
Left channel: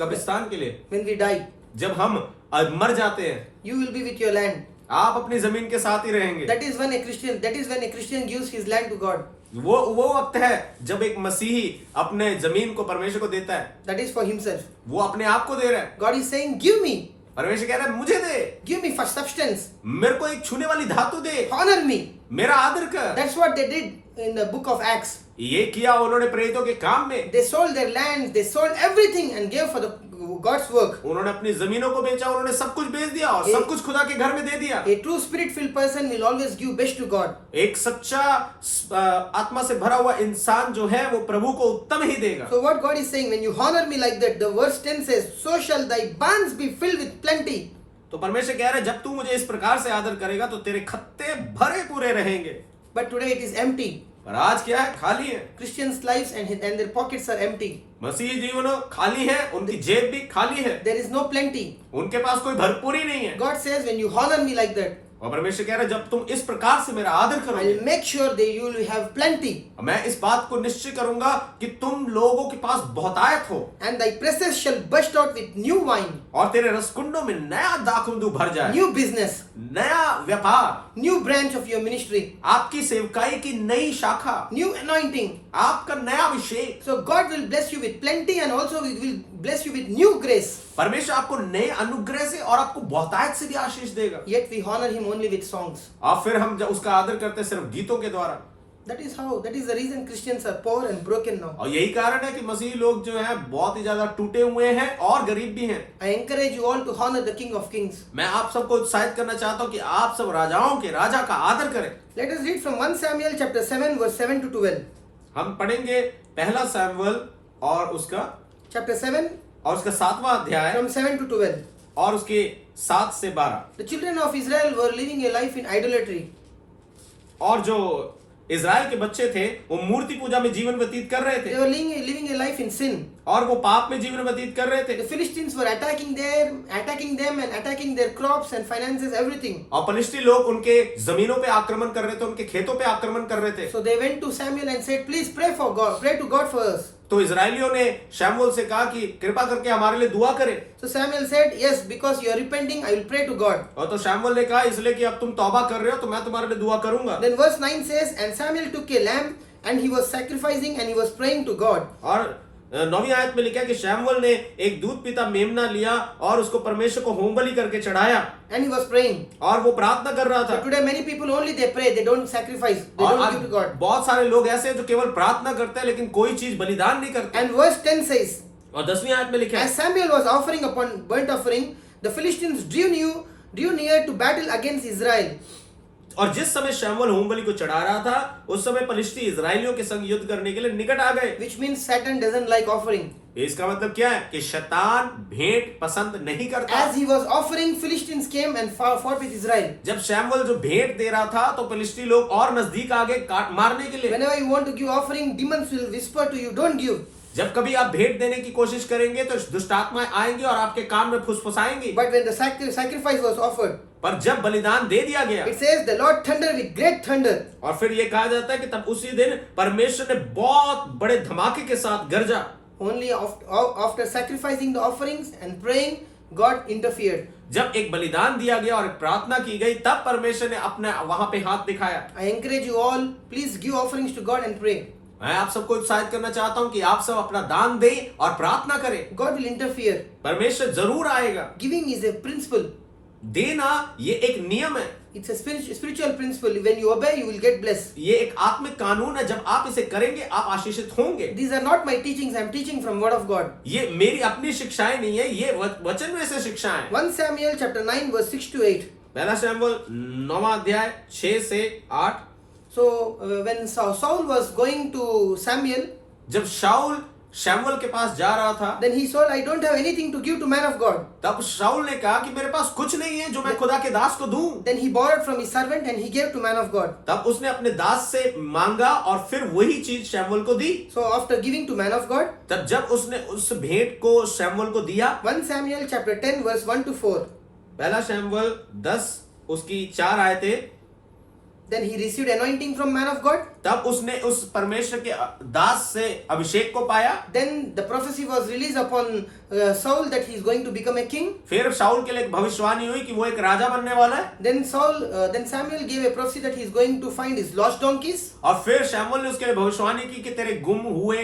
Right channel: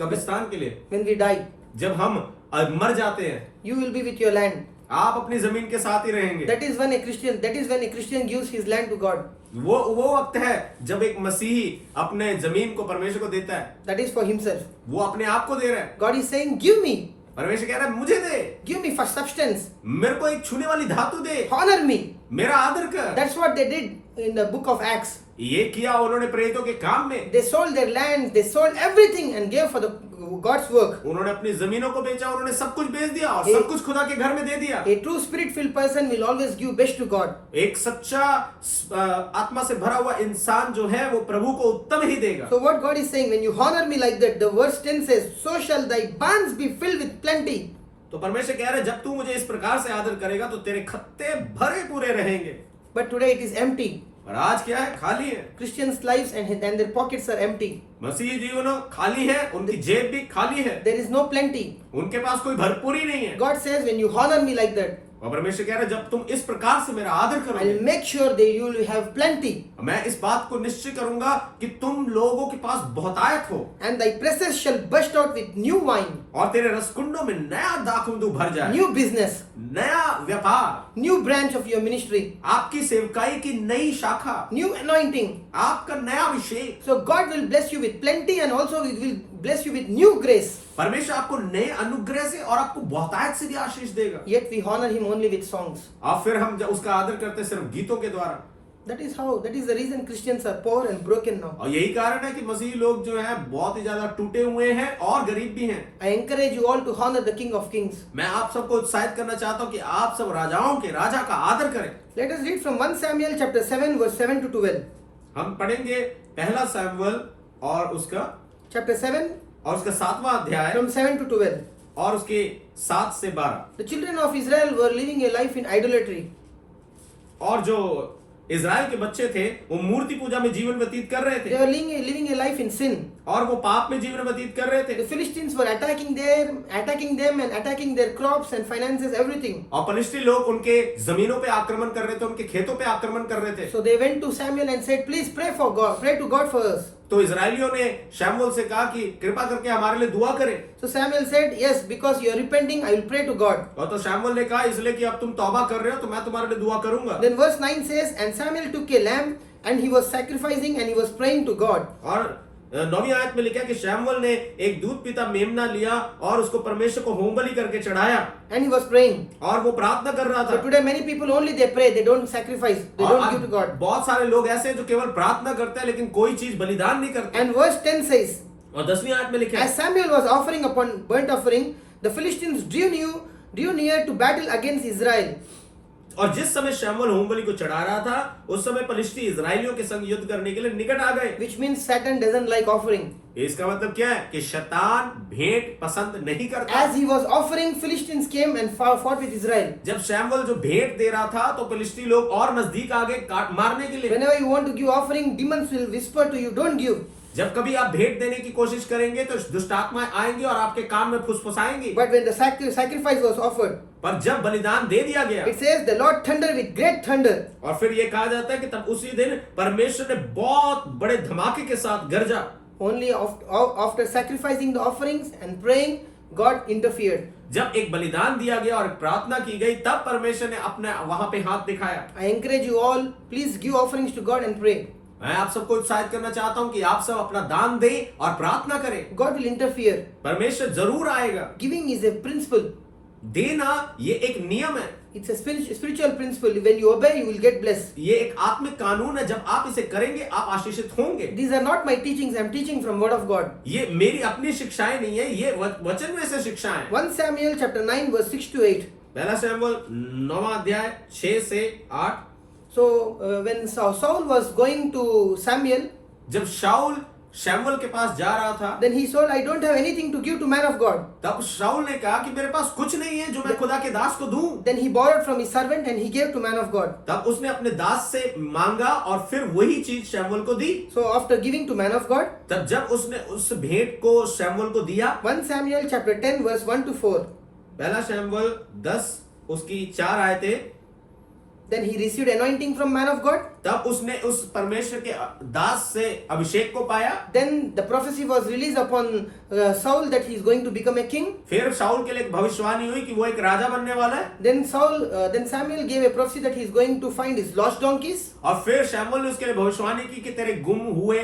कब्रिस्तान के लिए। When we die, जब हम मर जाते हैं, you will be with your land. आप अपनी जमीन के साथ ही रहेंगे। That is when a Christian gives his land to God. वो वक्त है जब एक मसीही अपने जमीन को परमेश्वर को देता है। That is for himself. वो अपने आप को दे रहा है। God is saying, give me. परमेश्वर कह रहा है मुझे दे। Give me for substance. मेरे को एक छूने वाली धातु दे। Honor me. मेरा आदर कर। That's what they did in the book of Acts. ये किया उन्होंने प्रेरितों के काम में। They sold their lands, they sold everything and gave for the God's work. उन्होंने अपनी जमीनों को बेचा, उन्होंने सब कुछ बेच दिया और सब कुछ खुदा के घर में दे दिया। A true spirit-filled person will always give best to God. एक सच्चा आत्मा से भरा हुआ इंसान जो है वो प्रभु को उत्तम ही देगा। So what God is saying, when you honor me like that, the verse 10 says, so shall thy barns be filled with plenty. तो परमेश्वर कह रहे हैं जब तू मुझे इस प्रकार से आदर करेगा तो तेरे खत्ते भरे पूरे रहेंगे। But today it is empty. और आज क्या है? खाली है। Christians' lives and their pockets are empty. मसीही जीवन खाली है, उनकी जेब भी खाली है। There is no plenty. उनके पास कोई भरपूरी नहीं है। God says, when you honor me like that, और परमेश्वर कह रहा है जब तुम इस प्रकार से मेरा आदर I करोगे, will make sure that you will have plenty. मैं इस बात को निश्चय करूंगा कि तुम लोगों के पास बहुतायत हो। And thy presses shall burst out with new wine. और तेरे रसकुंडों में नया दाखमधु भर जाए। New business. नया व्यापार। New branch of your ministry. आपकी सेवकाई की नई शाखा। New anointing. आपका नया अभिषेक। So God will bless you with plenty and also He will bless you with new grace. परमेश्वर आपको नए अनुग्रह से और आपको बहुतायत से भी आशीष देगा। Yet we honor Him only with songs. और फिर हम उसका आदर करते हैं सिर्फ गीतों के द्वारा। That is the reason Christians are poor and broken now. और यही कारण है कि मसीही लोग जो हैं बहुत ही ज्यादा टूटे हुए हैं और गरीब भी हैं। I encourage you all to honor the King of Kings. मैं आप सबको उत्साहित करना चाहता हूँ कि आप सब राजाओं के राजा का आदर करें। Let us read from 1 Samuel chapter 7 verse 7 to 12. हम पढ़ेंगे पहला सैमुएल और उसका Chapter 7 और उसका 7वां अध्याय from 7 to 12. और उसके 7 से 12। The children of Israel were living a life in idolatry. और जो इजराइल के बच्चे थे वो मूर्ति पूजा में जीवन व्यतीत कर रहे They थे। were living a life in sin. और वो पाप में जीवन व्यतीत कर रहे The थे Philistines were attacking them and attacking their crops and finances, everything. और फलिस्ती लोग उनके जमीनों पे आक्रमण कर रहे थे, उनके खेतों पे आक्रमण कर रहे थे। So they went to Samuel and said, please pray to God for us. तो इजरायलियों ने शमूएल से कहा कि कृपा करके हमारे लिए दुआ करें। So Samuel said, yes, because you are repenting, I will pray to God. और तो शमूएल ने कहा इसलिए कि अब तुम तौबा कर रहे हो तो मैं तुम्हारे लिए दुआ करूंगा। Then verse 9 says, and Samuel took a lamb and he was sacrificing and he was praying to God. और 9वीं आयत में लिखा है कि शमूएल ने एक दूध पीता मेमना लिया और उसको परमेश्वर को होमबलि करके चढ़ाया And he was praying. और वो प्रार्थना कर रहा So था। today many people only they pray, they don't sacrifice, they और don't आज give to God. बहुत सारे लोग ऐसे हैं जो केवल प्रार्थना करते हैं लेकिन कोई चीज बलिदान नहीं करते। And verse 10 says, और 10वीं आयत में लिखा है as Samuel was offering upon burnt offering, the Philistines drew near to battle against Israel. और जिस समय शमूएल होमबलि को चढ़ा रहा था उस समय फलिस्ती इजरायलियों के संग युद्ध करने के लिए निकट आ गए। Which means Satan doesn't like offering. इसका मतलब क्या है कि शैतान भेंट पसंद नहीं करता। As he was offering, Philistines came and fought with Israel. जब शमूएल जो भेंट दे रहा था तो फलिस्ती लोग और नजदीक आ गए मारने के लिए। Whenever you want to give offering, demons will whisper to you, don't give. जब कभी आप भेंट देने की कोशिश करेंगे तो दुष्ट आत्माएं आएंगी और आपके कान में फुसफुसाएंगी। But when the sacrifice was offered, पर जब बलिदान दे दिया गया it says the Lord thundered with great thunder. और फिर ये कहा जाता है कि तब उसी दिन परमेश्वर ने बहुत बड़े धमाके के साथ गरजा। Only after sacrificing the offerings and praying, God interfered. जब एक बलिदान दिया गया और प्रार्थना की गई तब परमेश्वर ने अपने वहां पे हाथ दिखाया। I encourage you all, please give offerings to God and pray. मैं आप सबको उत्साहित करना चाहता हूं कि आप सब अपना दान दें और प्रार्थना करें। God will interfere. परमेश्वर जरूर आएगा। Giving is a principle. देना ये एक नियम है। It's a spiritual principle. When you obey, you will get blessed. ये एक आत्मिक कानून है, जब आप इसे करेंगे आप आशीषित होंगे। These are not my teachings. I am teaching from Word of God. ये मेरी अपनी शिक्षाएं नहीं है, ये वचन में से शिक्षाएं। 1 Samuel chapter 9 verse 6 to 8. पहला शमूएल 9वां अध्याय 6 से 8। So when Saul was going to Samuel, जब शाऊल शमूएल के पास जा रहा था then he said, I don't have anything to give to man of God. तब शाऊल ने कहा कि मेरे पास कुछ नहीं है जो मैं खुदा के दास को दूं। Then he borrowed from his servant and he gave to man of God. तब उसने अपने दास से मांगा और फिर वही चीज शमूएल को दी। So after giving to man of God, तब जब उसने उस भेंट को शमूएल को दिया, 1 Samuel chapter 10 verse 1 to 4. पहला शमूएल 10 उसकी 4 आयतें। Then he received anointing from man of God. तब उसने उस परमेश्वर के दास से अभिषेक को पाया। Then the prophecy was released upon Saul that he is going to become a king. फिर शाऊल के लिए एक भविष्यवाणी हुई कि वो एक राजा बनने वाला है। Then Samuel gave a prophecy that he is going to find his lost donkeys. और फिर शमूएल ने उसके लिए भविष्यवाणी की कि तेरे गुम हुए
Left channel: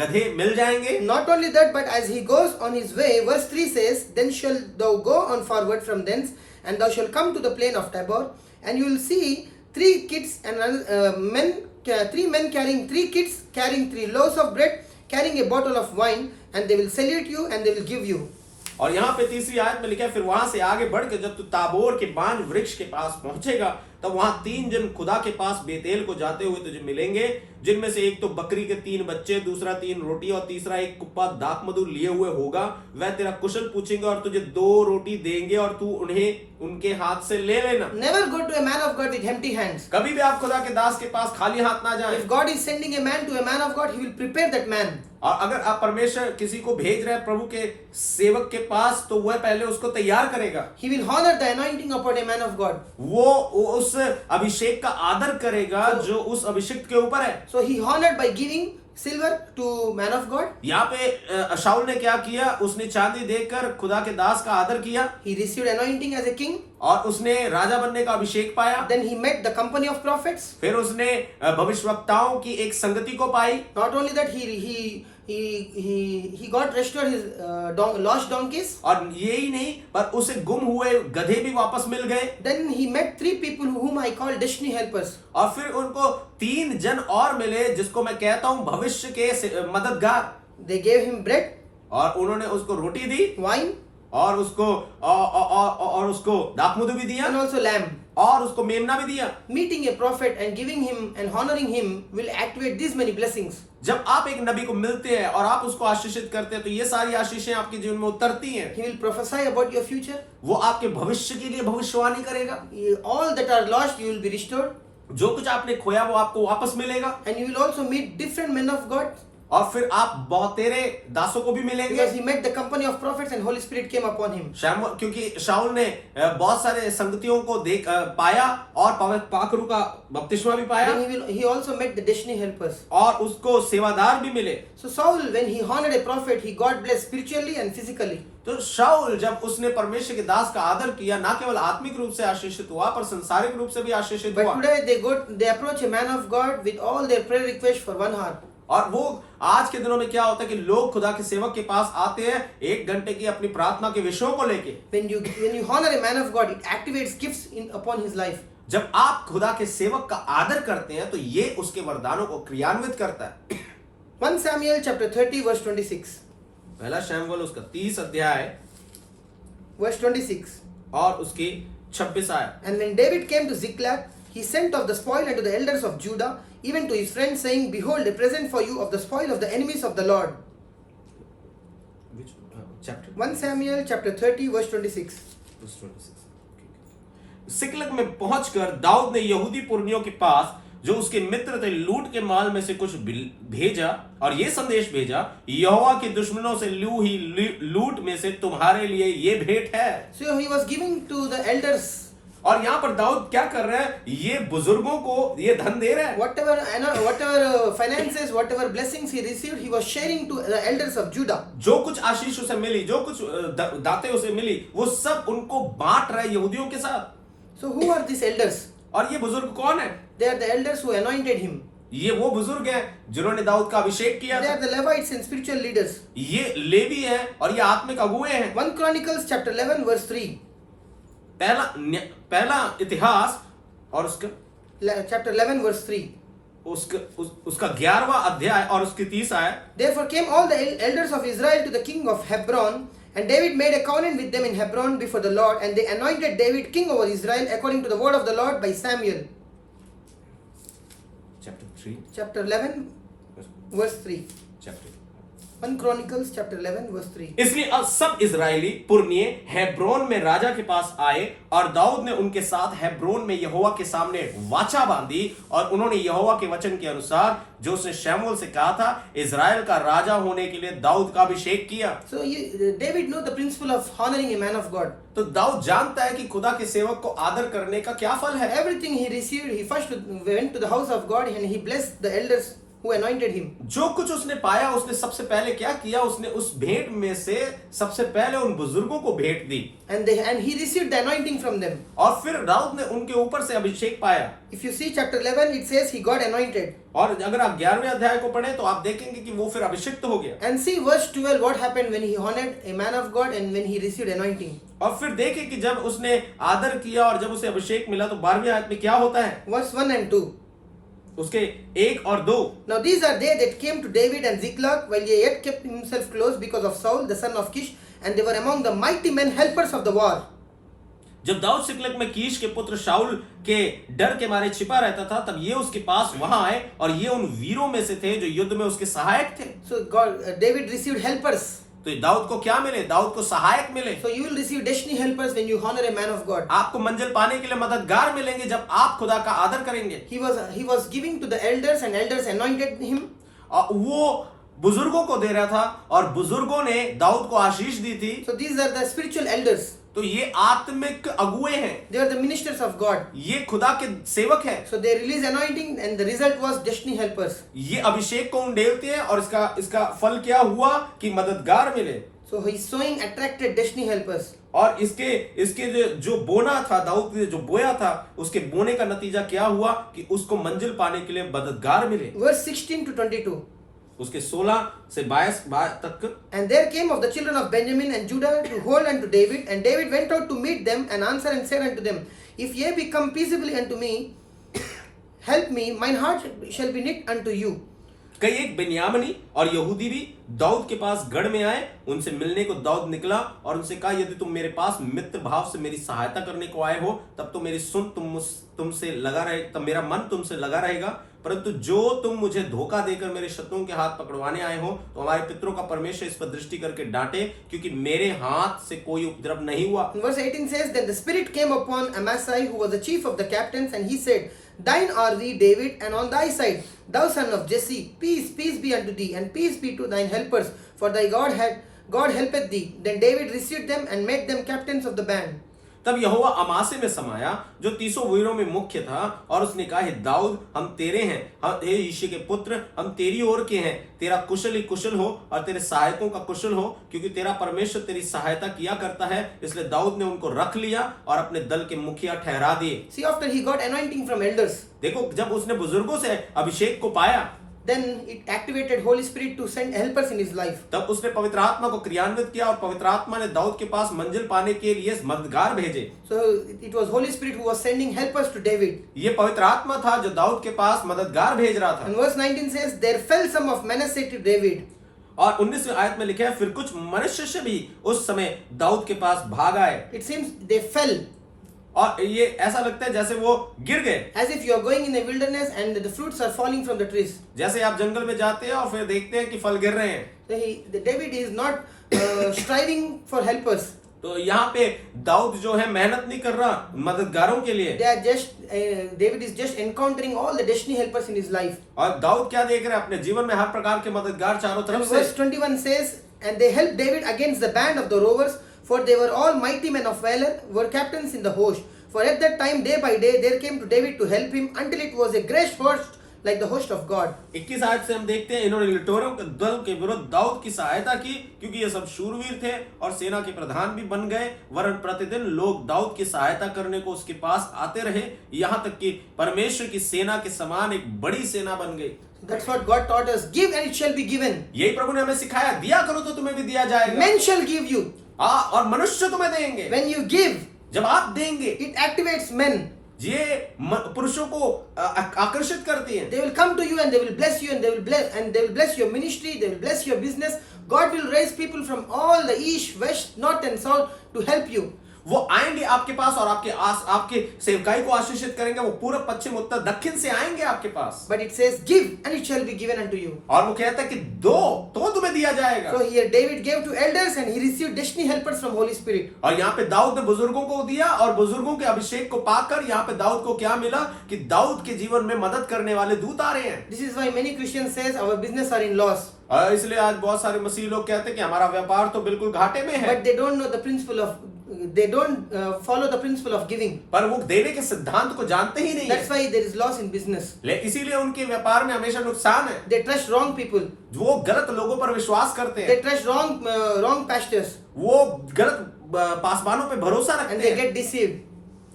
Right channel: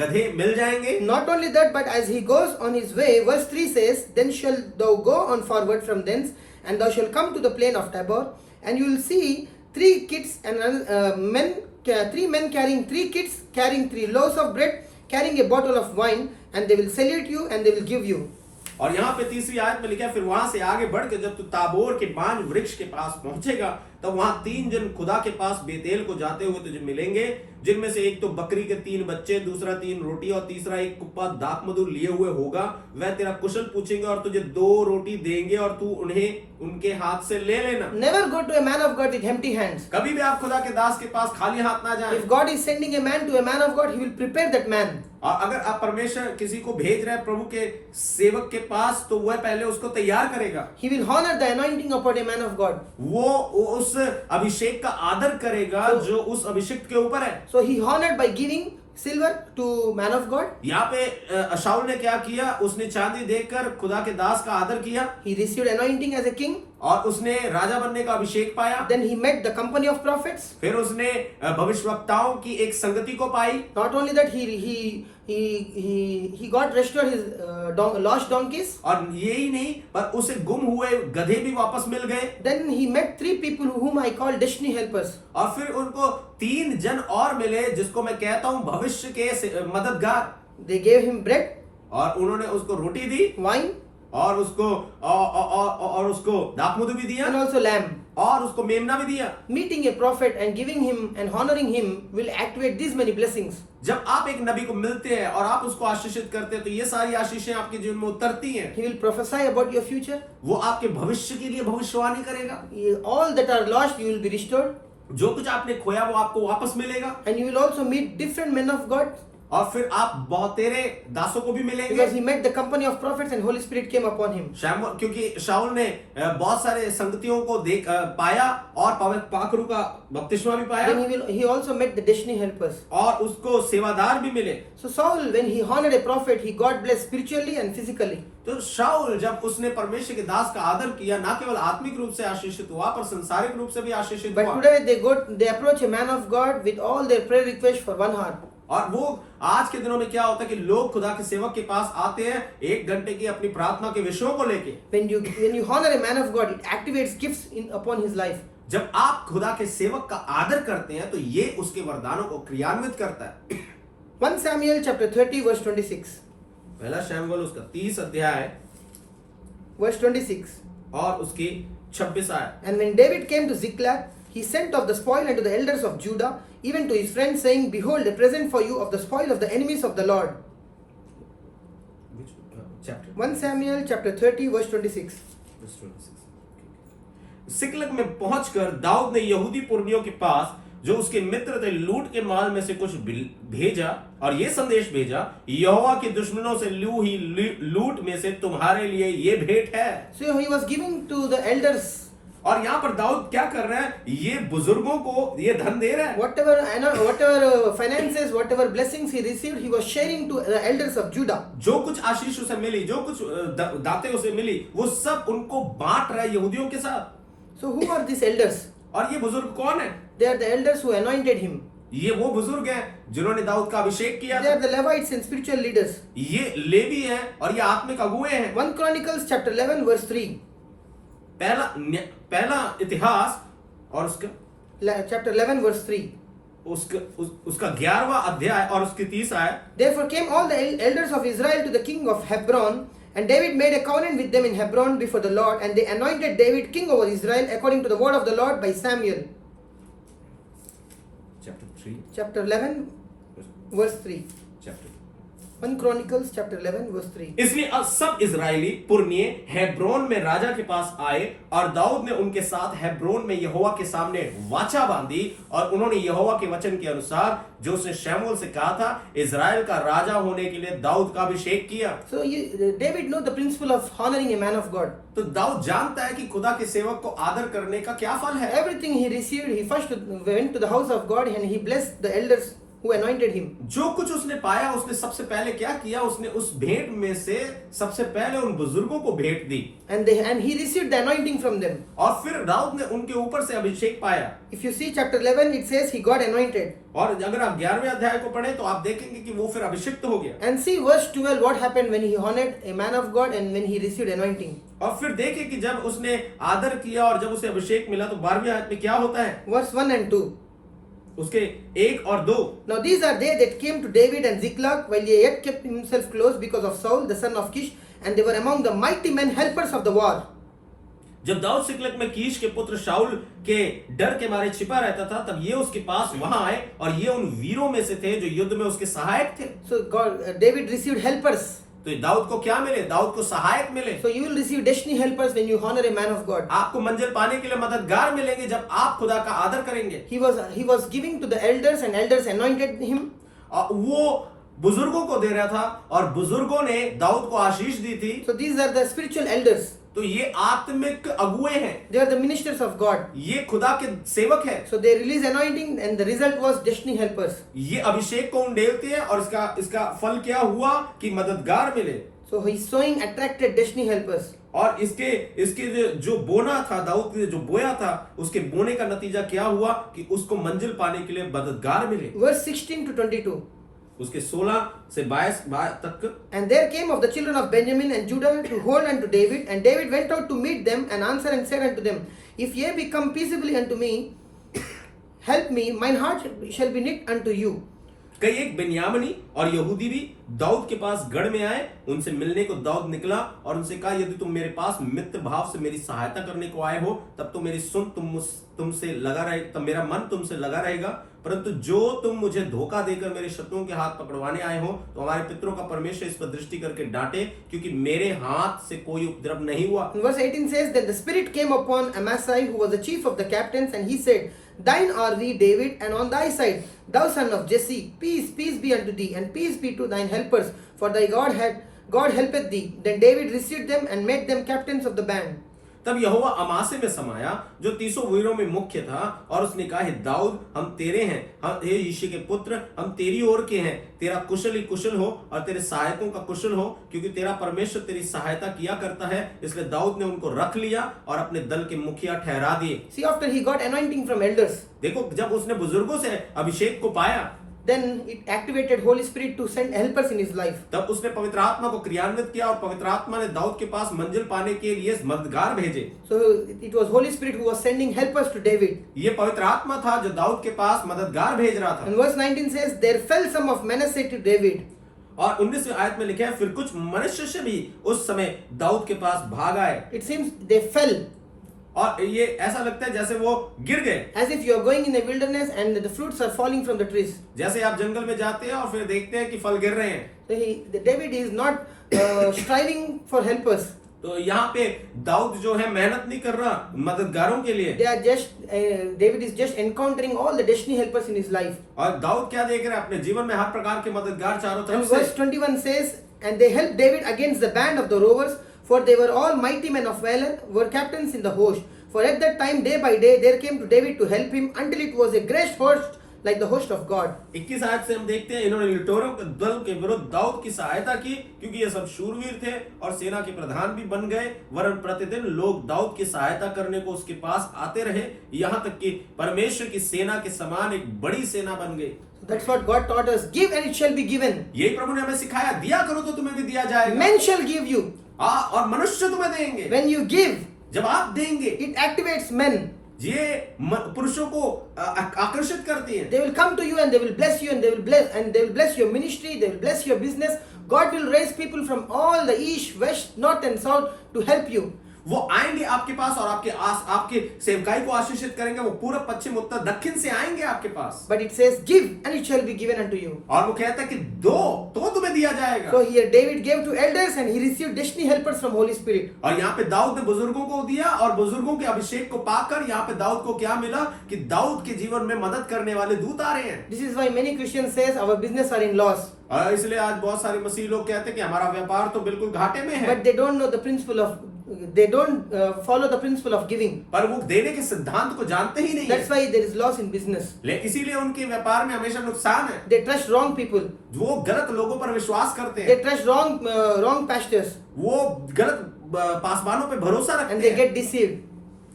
गधे मिल जाएंगे। Not only that, but as he goes on his way, verse 3 says, then shall thou go on forward from thence, and thou shalt come to the plain of Tabor, and you will see three kids and three men carrying 3 kids, carrying 3 loaves of bread, carrying a bottle of wine, and they will salute you and they will give you. और यहाँ पे तीसरी आयत में लिखा है, फिर वहां से आगे बढ़ के जब तू ताबोर के बांज वृक्ष के पास पहुंचेगा तब वहां 3 जन खुदा के पास बेतेल को जाते हुए तुझे मिलेंगे, जिनमें से एक तो बकरी के 3 बच्चे, दूसरा 3 रोटी और तीसरा एक कुप्पा दाख मधु लिए हुए होगा। वह तेरा कुशल पूछेंगे और तुझे 2 रोटी देंगे और तू उन्हें उनके हाथ से ले लेना। Never go to a man of God with empty hands. कभी भी आप खुदा के दास के पास खाली हाथ ना जाएं। If God is sending a man to a man of God, he will prepare that man. और अगर आप परमेश्वर किसी को भेज रहे हैं प्रभु के सेवक के पास तो वह पहले उसको तैयार करेगा। He will honor the anointing upon a man of God. वो उस अभिषेक का आदर करेगा जो उस अभिषेक के ऊपर है। So he honored by giving silver to man of God. यहाँ पे शाऊल ने क्या किया, उसने चांदी देकर खुदा के दास का आदर किया। He received anointing as a king. और उसने राजा बनने का अभिषेक पाया। Then he met the company of prophets. फिर उसने भविष्यवक्ताओं की एक संगति को पाई। Not only that, he got restored his lost donkeys. और यही नहीं पर उसे गुम हुए गधे भी वापस मिल गए। Then he met 3 people whom I call destiny helpers. और फिर उनको 3 जन और मिले जिसको मैं कहता हूँ भविष्य के मददगार। They gave him bread, और उन्होंने उसको रोटी दी wine, और उसको दाखमधु भी दिया and also lamb. और उसको मेमना भी दिया। Meeting a prophet and giving him and honoring him will activate these many blessings. जब आप एक नबी को मिलते हैं और आप उसको आशीषित करते हैं तो ये सारी आशीषें आपके जीवन में उतरती हैं। He will prophesy about your future. वो आपके भविष्य के लिए भविष्यवाणी करेगा। All that are lost, you will be restored. जो कुछ आपने खोया वो आपको वापस मिलेगा। And you will also meet different men of God. और फिर आप बहुतेरे दासों को भी मिलेंगे। because he met the company of prophets and Holy Spirit came upon him. क्योंकि शाऊल ने बहुत सारे संगतियों को देख पाया और पाखरू का बपतिस्मा भी पाया Then he also met the destiny helpers. और उसको सेवादार भी मिले। So Saul, when he honored a prophet, he got blessed spiritually and physically. तो शाऊल जब उसने परमेश्वर के दास का आदर किया, ना केवल आत्मिक रूप से आशीषित हुआ पर संसारिक रूप से भी आशीषित But हुआ। today they approach a man of God with all their prayer requests for 1 hour. और वो आज के दिनों में क्या होता है कि लोग खुदा के सेवक के पास आते हैं 1 घंटे की अपनी प्रार्थना के विषयों को लेके। When you honor a man of God, it activates gifts upon his life. जब आप खुदा के सेवक का आदर करते हैं तो ये उसके वरदानों को क्रियान्वित करता है। 1 Samuel chapter 30 verse 26. पहला शमूएल उसका 30 अध्याय Verse 26. और उसकी 26 आयत। And when David came to Ziklag, he sent of the spoil unto the elders of Judah, even to his friends, saying, Behold, a present for you of the spoil of the enemies of the Lord. Which chapter? 1 Samuel chapter 30 verse 26. Verse 26. सिकलग में पहुंचकर दाऊद ने यहूदी पुरनियों के पास जो उसके मित्र थे लूट के माल में से कुछ भेजा और ये संदेश भेजा, यहोवा के दुश्मनों से लूट में से तुम्हारे लिए ये भेंट है। So he was giving to the elders. और यहाँ पर दाऊद क्या कर रहा है? ये बुजुर्गों को ये धन दे रहा है। Whatever finances, whatever blessings he received, he was sharing to the elders of Judah. जो कुछ आशीष उसे मिली, जो कुछ दातें उसे मिली, वो सब उनको बांट रहा है यहूदियों के साथ। So who are these elders? और ये बुजुर्ग कौन है? They are the elders who anointed him. ये वो बुजुर्ग हैं जिन्होंने दाऊद का अभिषेक किया। They are the Levites and spiritual leaders. ये लेवी हैं और ये आत्मिक अगुए हैं। 1 Chronicles chapter 11 verse 3. पहला इतिहास और उसका Chapter 11 verse 3. उसका 11वां अध्याय और उसकी 30 आयत। Therefore came all the elders of Israel to the king of Hebron, and David made a covenant with them in Hebron before the Lord, and they anointed David king over Israel according to the word of the Lord by Samuel. Chapter 3. Chapter 11 verse 3. Chapter 1 Chronicles chapter 11 verse 3. इसलिए अब सब Israeli पुरनिये Hebron में राजा के पास आए और दाऊद ने उनके साथ हेब्रोन में यहोवा के सामने वाचा बांधी और उन्होंने यहोवा के वचन के अनुसार जो उसने शमूएल से कहा था इजराइल का राजा होने के लिए दाऊद का अभिषेक किया। So David knows the principle of honoring a man of God. तो दाऊद जानता है कि खुदा के सेवक को आदर करने का क्या फल है। Everything he received, he first went to the house of God and he blessed the elders who anointed him. जो कुछ उसने पाया उसने सबसे पहले क्या किया? उसने उस भेंट में से सबसे पहले उन बुजुर्गों को भेंट दी। And he received the anointing from them. और फिर दाऊद ने उनके ऊपर से अभिषेक पाया। If you see chapter 11, it says he got anointed. और अगर आप 11वें अध्याय को पढ़ें तो आप देखेंगे कि वो फिर अभिषिक्त हो गया। And see verse 12 what happened when he honored a man of God and when he received anointing. और फिर देखें कि जब उसने आदर किया और जब उसे अभिषेक मिला तो 12वीं आयत में क्या होता है? Verse 1 and 2. उसके 1 और 2। Now these are they that came to David and Ziklag while he yet kept himself close because of Saul the son of Kish, and they were among the mighty men helpers of the war. जब दाऊद सिकलग में कीश के पुत्र शाऊल के डर के मारे छिपा रहता था तब ये उसके पास वहां आए और ये उन वीरों में से थे जो युद्ध में उसके सहायक थे। So David received helpers. तो दाऊद को क्या मिले? दाऊद को सहायक मिले। So you will receive destiny helpers when you honor a man of God. आपको मंजिल पाने के लिए मददगार मिलेंगे जब आप खुदा का आदर करेंगे। He was giving to the elders and elders anointed him. और वो बुजुर्गों को दे रहा था और बुजुर्गों ने दाऊद को आशीष दी थी। So these are the spiritual elders. तो ये आत्मिक अगुए हैं। They are the ministers of God. ये खुदा के सेवक हैं। So they release anointing and the result was destiny helpers. ये अभिषेक को उंडेलते हैं और इसका फल क्या हुआ कि मददगार मिले। So his sowing attracted destiny helpers. और इसके जो बोना था दाऊद ने जो बोया था उसके बोने का नतीजा क्या हुआ कि उसको मंजिल पाने के लिए मददगार मिले। Verse 16 to 22. उसके 16 से 22 तक। And there came of the children of Benjamin and Judah to hold unto David, and David went out to meet them and answered and said unto them, If ye be come peaceably unto me, help me, mine heart shall be knit unto you. कई एक बेन्यामीनी और यहूदी भी दाऊद के पास गढ़ में आए, उनसे मिलने को दाऊद निकला और उनसे कहा यदि तुम मेरे पास मित्र भाव से मेरी सहायता करने को आए हो तब तो मेरी सुन तुमसे लगा रहे, तब मेरा मन तुमसे लगा रहेगा परंतु जो तुम मुझे धोखा देकर मेरे शत्रुओं के हाथ पकड़वाने आए हो, तो हमारे पितरों का परमेश्वर इस पर दृष्टि करके डांटे, क्योंकि मेरे हाथ से कोई उपद्रव नहीं हुआ। In verse 18 says, Then the Spirit came upon Amasai, who was the chief of the captains, and he said, Thine are we, David, and on thy side, thou son of Jesse, peace, peace be unto thee, and peace be to thine helpers, for thy God helpeth thee. Then David received them and made them captains of the band. तब यहोवा अमासे में समाया, जो 300 वीरों में मुख्य था, और उसने कहा, हे दाऊद, हम तेरे हैं, हे यिशै के पुत्र, हम तेरी ओर के हैं। तेरा कुशल ही कुशल हो और तेरे सहायकों का कुशल हो, क्योंकि तेरा परमेश्वर तेरी सहायता किया करता है। इसलिए दाऊद ने उनको रख लिया और अपने दल के मुखिया ठहरा दिए। See, after he got anointing from elders, देखो, जब उसने बुजुर्गों से अभिषेक को पाया, then it activated Holy Spirit to send helpers in his life. तब उसने पवित्र आत्मा को क्रियान्वित किया और पवित्र आत्मा ने दाऊद के पास मंजिल पाने के लिए मददगार भेजे। So it was Holy Spirit who was sending helpers to David. ये पवित्र आत्मा था जो दाऊद के पास मददगार भेज रहा था। And verse 19 says, There fell some of Manasseh to David. और 19वीं आयत में लिखा है, फिर कुछ मनुष्य से भी उस समय दाऊद के पास भाग आए। It seems they fell. और ये ऐसा लगता है जैसे वो गिर गए, As if you are going in the wilderness and the fruits are falling from the trees. जैसे आप जंगल में जाते हैं और फिर देखते हैं कि फल गिर रहे हैं। So David is not striving for helpers. तो यहाँ पे दाऊद जो है मेहनत नहीं कर रहा मददगारों के लिए। They are just David is just encountering all the destiny helpers in his life. और दाऊद क्या देख रहे हैं? अपने जीवन में हर प्रकार के मददगार चारों And तरफ से। verse 21 says, And they helped David against the band of the rovers, for they were all mighty men of valor, were captains in the host. For at that time, day by day, there came to David to help him, until it was a great host like the host of God. 21 आयत से हम देखते हैं, इन्होंने लिटोरों के दल के विरुद्ध दाऊद की सहायता की, क्योंकि ये सब शूरवीर थे और सेना के प्रधान भी बन गए। वरन प्रतिदिन लोग दाऊद की सहायता करने को उसके पास आते रहे, यहाँ तक कि परमेश्वर की सेना के समान एक बड़ी सेना बन गई। That's what God taught us. Give and it shall be given. यही प्रभु ने हमें सिखाया, दिया करो तो तुम्हें भी दिया जाएगा। Men shall give you. और मनुष्य तुम्हें देंगे। When you give, जब आप देंगे, it activates men. ये पुरुषों को आकर्षित करती है। They will come to you and they will bless you and they will bless your ministry, they will bless your business. God will raise people from all the east, west, north and south to help you. वो आएंगे आपके पास और आपके सेवकाई को आशीषित करेंगे। वो पूर्व पश्चिम उत्तर दक्षिण से आएंगे आपके पास। But it says, give and it shall be given unto you. और वो कहता है कि दो तो तुम्हें दिया जाएगा। So here David gave to elders and he received destiny helpers from Holy Spirit. और यहाँ पे दाऊद ने बुजुर्गों को दिया, और बुजुर्गों के अभिषेक को पाकर यहाँ पे दाऊद को क्या मिला कि दाऊद के जीवन में मदद करने वाले दूत आ रहे हैं। This is why many Christians says our business are in loss. और इसलिए आज बहुत सारे मसीह लोग कहते हैं कि हमारा व्यापार तो बिल्कुल घाटे में है। But they don't know the principle of, they don't follow the principle of giving. पर वो देने के सिद्धांत को जानते ही नहीं। That's why there is loss in business. इसीलिए उनके व्यापार में हमेशा नुकसान है। They trust wrong people. वो गलत लोगों पर विश्वास करते हैं। They trust wrong pastors. वो गलत पासवानों पे भरोसा रखते And they हैं get deceived.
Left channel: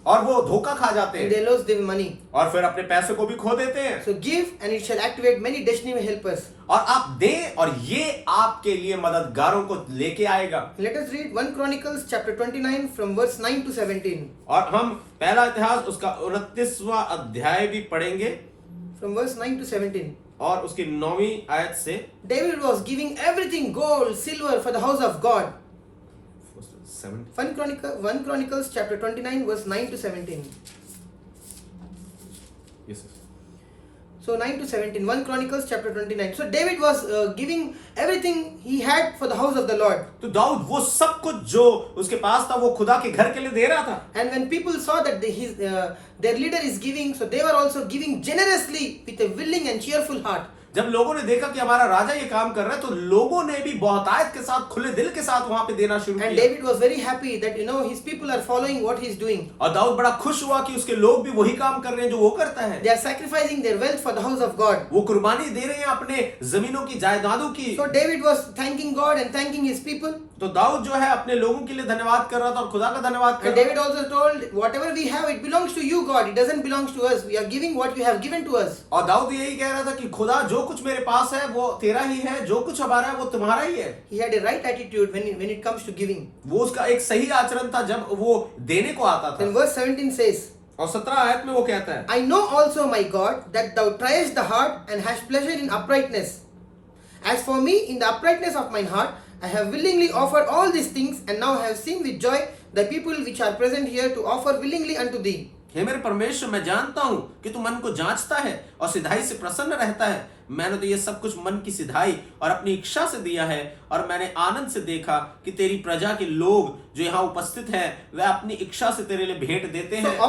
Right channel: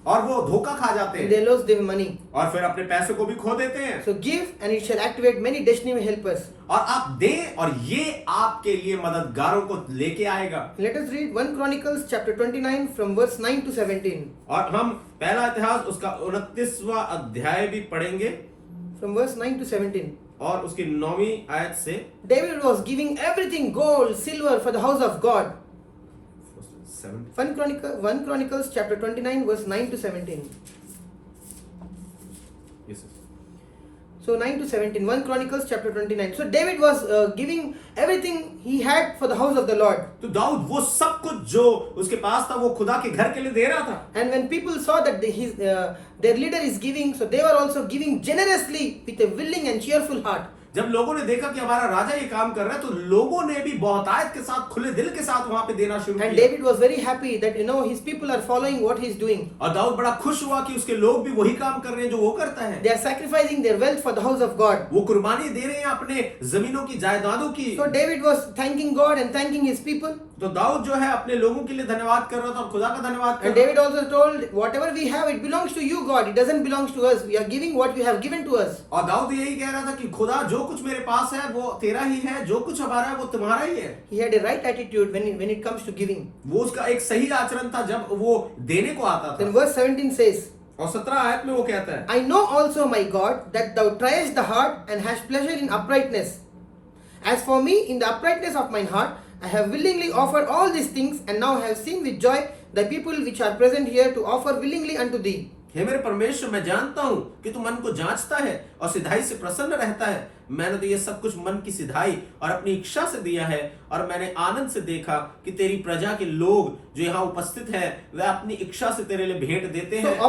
और वो धोखा खा जाते And हैं they lose their money. और फिर अपने पैसे को भी खो देते हैं। So give and it shall activate many destiny helpers. और आप दें और ये आपके लिए मददगारों को लेके आएगा। Let us read 1 Chronicles chapter 29 from verse 9 to 17. और हम पहला इतिहास उसका 29वां अध्याय भी पढ़ेंगे From verse 9 to 17. और उसकी 9वीं आयत से। David was giving everything gold, silver for the house of God. 1 Chronicles chapter 29 verse 9 to 17. Yes, yes. So 9 to 17, 1 Chronicles chapter 29. So David was giving everything he had for the house of the Lord. तो दाऊद वो सब कुछ जो उसके पास था वो खुदा के घर के लिए दे रहा था। And when people saw that their leader is giving, so they were also giving generously with a willing and cheerful heart. जब लोगों ने देखा कि हमारा राजा ये काम कर रहा है, तो लोगों ने भी बहुतायत के साथ खुले दिल के साथ वहां पे देना शुरू And किया। David was very happy that his people are following what he is doing. और दाऊद बड़ा खुश हुआ कि उसके लोग भी वही काम कर रहे हैं जो वो करता है। They are sacrificing their wealth for the house of God. वो कुर्बानी दे रहे हैं अपने जमीनों की जायदादों की। So David was thanking God and thanking his people. तो दाऊद जो है अपने लोगों के लिए धन्यवाद कर रहा था और खुदा का धन्यवाद कर And रहा David also told, whatever we have, it belongs to you, God. It doesn't belong to us. We are giving what you have given to us. था। और दाऊद यही कह रहा था कि खुदा जो कुछ मेरे पास है वो तेरा ही है, जो कुछ हमारा है वो तुम्हारा ही है। He had a right attitude when it comes to giving. वो उसका एक सही आचरण था जब वो देने को आता था। Then verse 17 says, और 17 आयत में वो कहता है, I know also, my God, that thou triest the heart and hast pleasure in uprightness. As for me, in the uprightness of mine heart, I have willingly offered all these things, and now have seen with joy the people which are present here to offer willingly unto thee. हे मेरे परमेश्वर, मैं जानता हूं कि तू मन को जांचता है और सिधाई से प्रसन्न रहता है। मैंने तो ये सब कुछ मन की सिधाई और अपनी इच्छा से दिया है, और मैंने आनंद से देखा कि तेरी प्रजा के लोग जो यहाँ उपस्थित हैं वे अपनी इच्छा से तेरे लिए भेंट देते So हैं।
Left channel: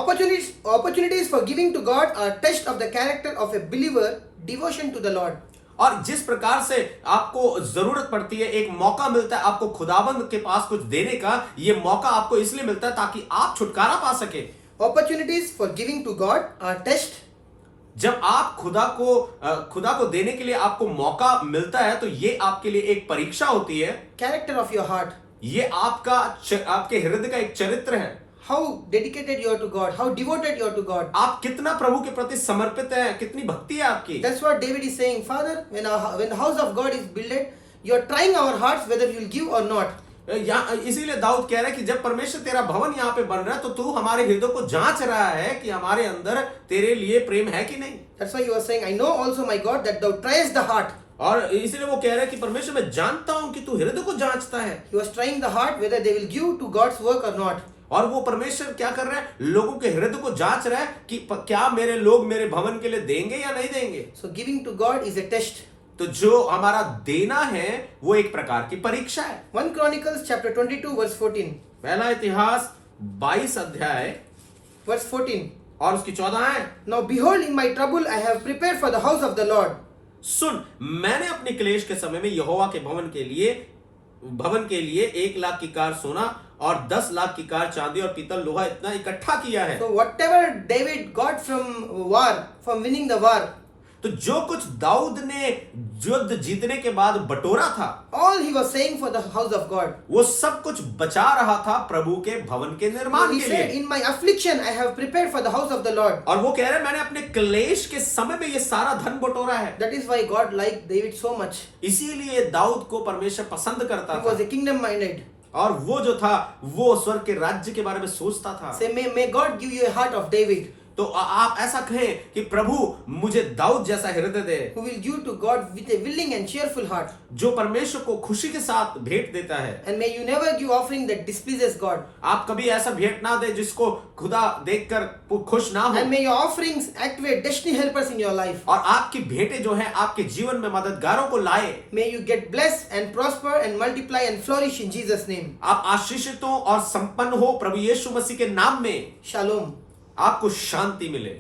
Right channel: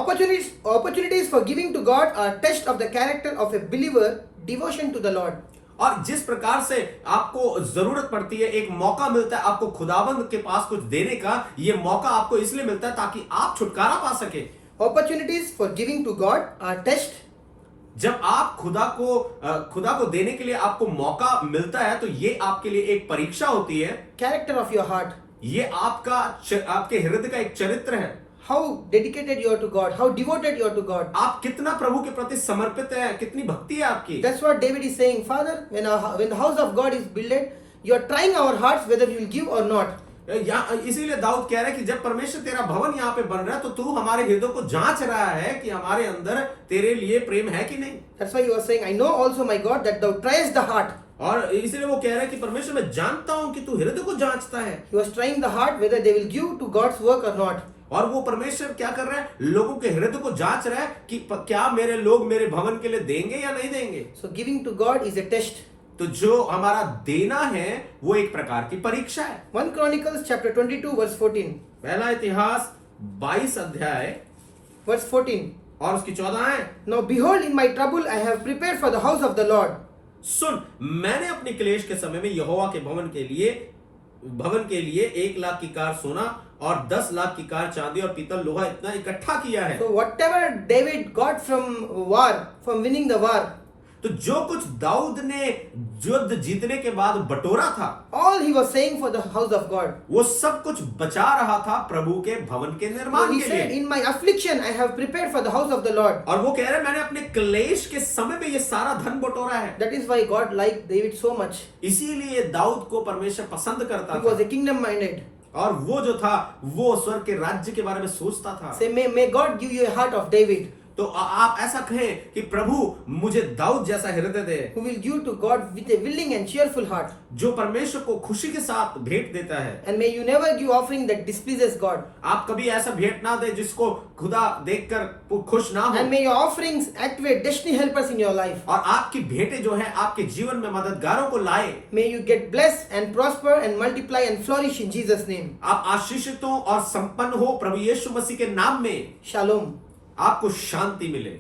opportunities for giving to God are test of the character of a believer, devotion to the Lord. और जिस प्रकार से आपको जरूरत पड़ती है, एक मौका मिलता है आपको खुदाबंद के पास कुछ देने का, ये मौका आपको इसलिए मिलता है ताकि आप छुटकारा पा सके। Opportunities for giving to God are test. जब आप खुदा को देने के लिए आपको मौका मिलता है, तो ये आपके लिए एक परीक्षा होती है। Character of your heart. ये आपके हृदय का एक चरित्र है। How dedicated you are to God. How devoted you are to God. आप कितना प्रभु के प्रति समर्पित है, कितनी भक्ति है आपकी। That's what David is saying. Father, when the house of God is built, you are trying our hearts whether you will give or not. इसीलिए दाऊद कह रहा है कि जब परमेश्वर तेरा भवन यहाँ पे बन रहा है, तो तू हमारे हृदय को जांच रहा है कि हमारे अंदर तेरे लिए प्रेम है कि नहीं। That's why he was saying, I know also my God that thou triest the heart. और इसलिए वो कह रहा है कि परमेश्वर, मैं जानता हूं कि तू हृदय को जांचता है। He was trying the heart whether they will give to God's work or not. और वो परमेश्वर क्या कर रहा है, लोगों के हृदय को जांच रहा है कि क्या मेरे लोग मेरे भवन के लिए देंगे या नहीं देंगे। So giving to God is a test. तो जो हमारा देना है वो एक प्रकार की परीक्षा है। 1 Chronicles chapter 22 verse 14. पहला इतिहास 22 अध्याय Verse 14. और उसकी 14 है। Now behold, in my trouble I have prepared for the house of the Lord. सुन, मैंने अपने क्लेश के समय में यहोवा के भवन के लिए 1 लाख की कार सोना और 10 लाख की कार चांदी और पीतल लोहा इतना इकट्ठा किया है। So whatever David got from winning the war, तो जो कुछ दाऊद ने युद्ध जीतने के बाद बटोरा था, all he was saying for the house of God. वो सब कुछ बचा रहा था प्रभु के भवन के निर्माण So he के said, लिए। in my affliction I have prepared for the house of the Lord. और वो कह रहे हैं, मैंने अपने क्लेश के समय में ये सारा धन बटोरा है। That is why God liked David so much. इसीलिए दाऊद को परमेश्वर पसंद करता He was था, a kingdom minded. और वो जो था वो स्वर्ग के राज्य के बारे में सोचता था। Say, may God give you a heart of David, तो आप ऐसा कहें कि प्रभु मुझे दाऊद जैसा हृदय दे, who will give to God with a willing and cheerful heart. जो परमेश्वर को खुशी के साथ भेंट देता है। And may you never give offering that displeases God. आप कभी ऐसा भेंट ना दे जिसको खुदा देखकर खुश ना हो। And may your offerings activate destiny helpers in your life. और आपकी भेंटें जो है आपके जीवन में मददगारों को लाए। May you get blessed and prosper and multiply and flourish in Jesus' name. आप आशीषित हो और संपन्न हो प्रभु यीशु मसीह के नाम में। Shalom. आपको शांति मिले।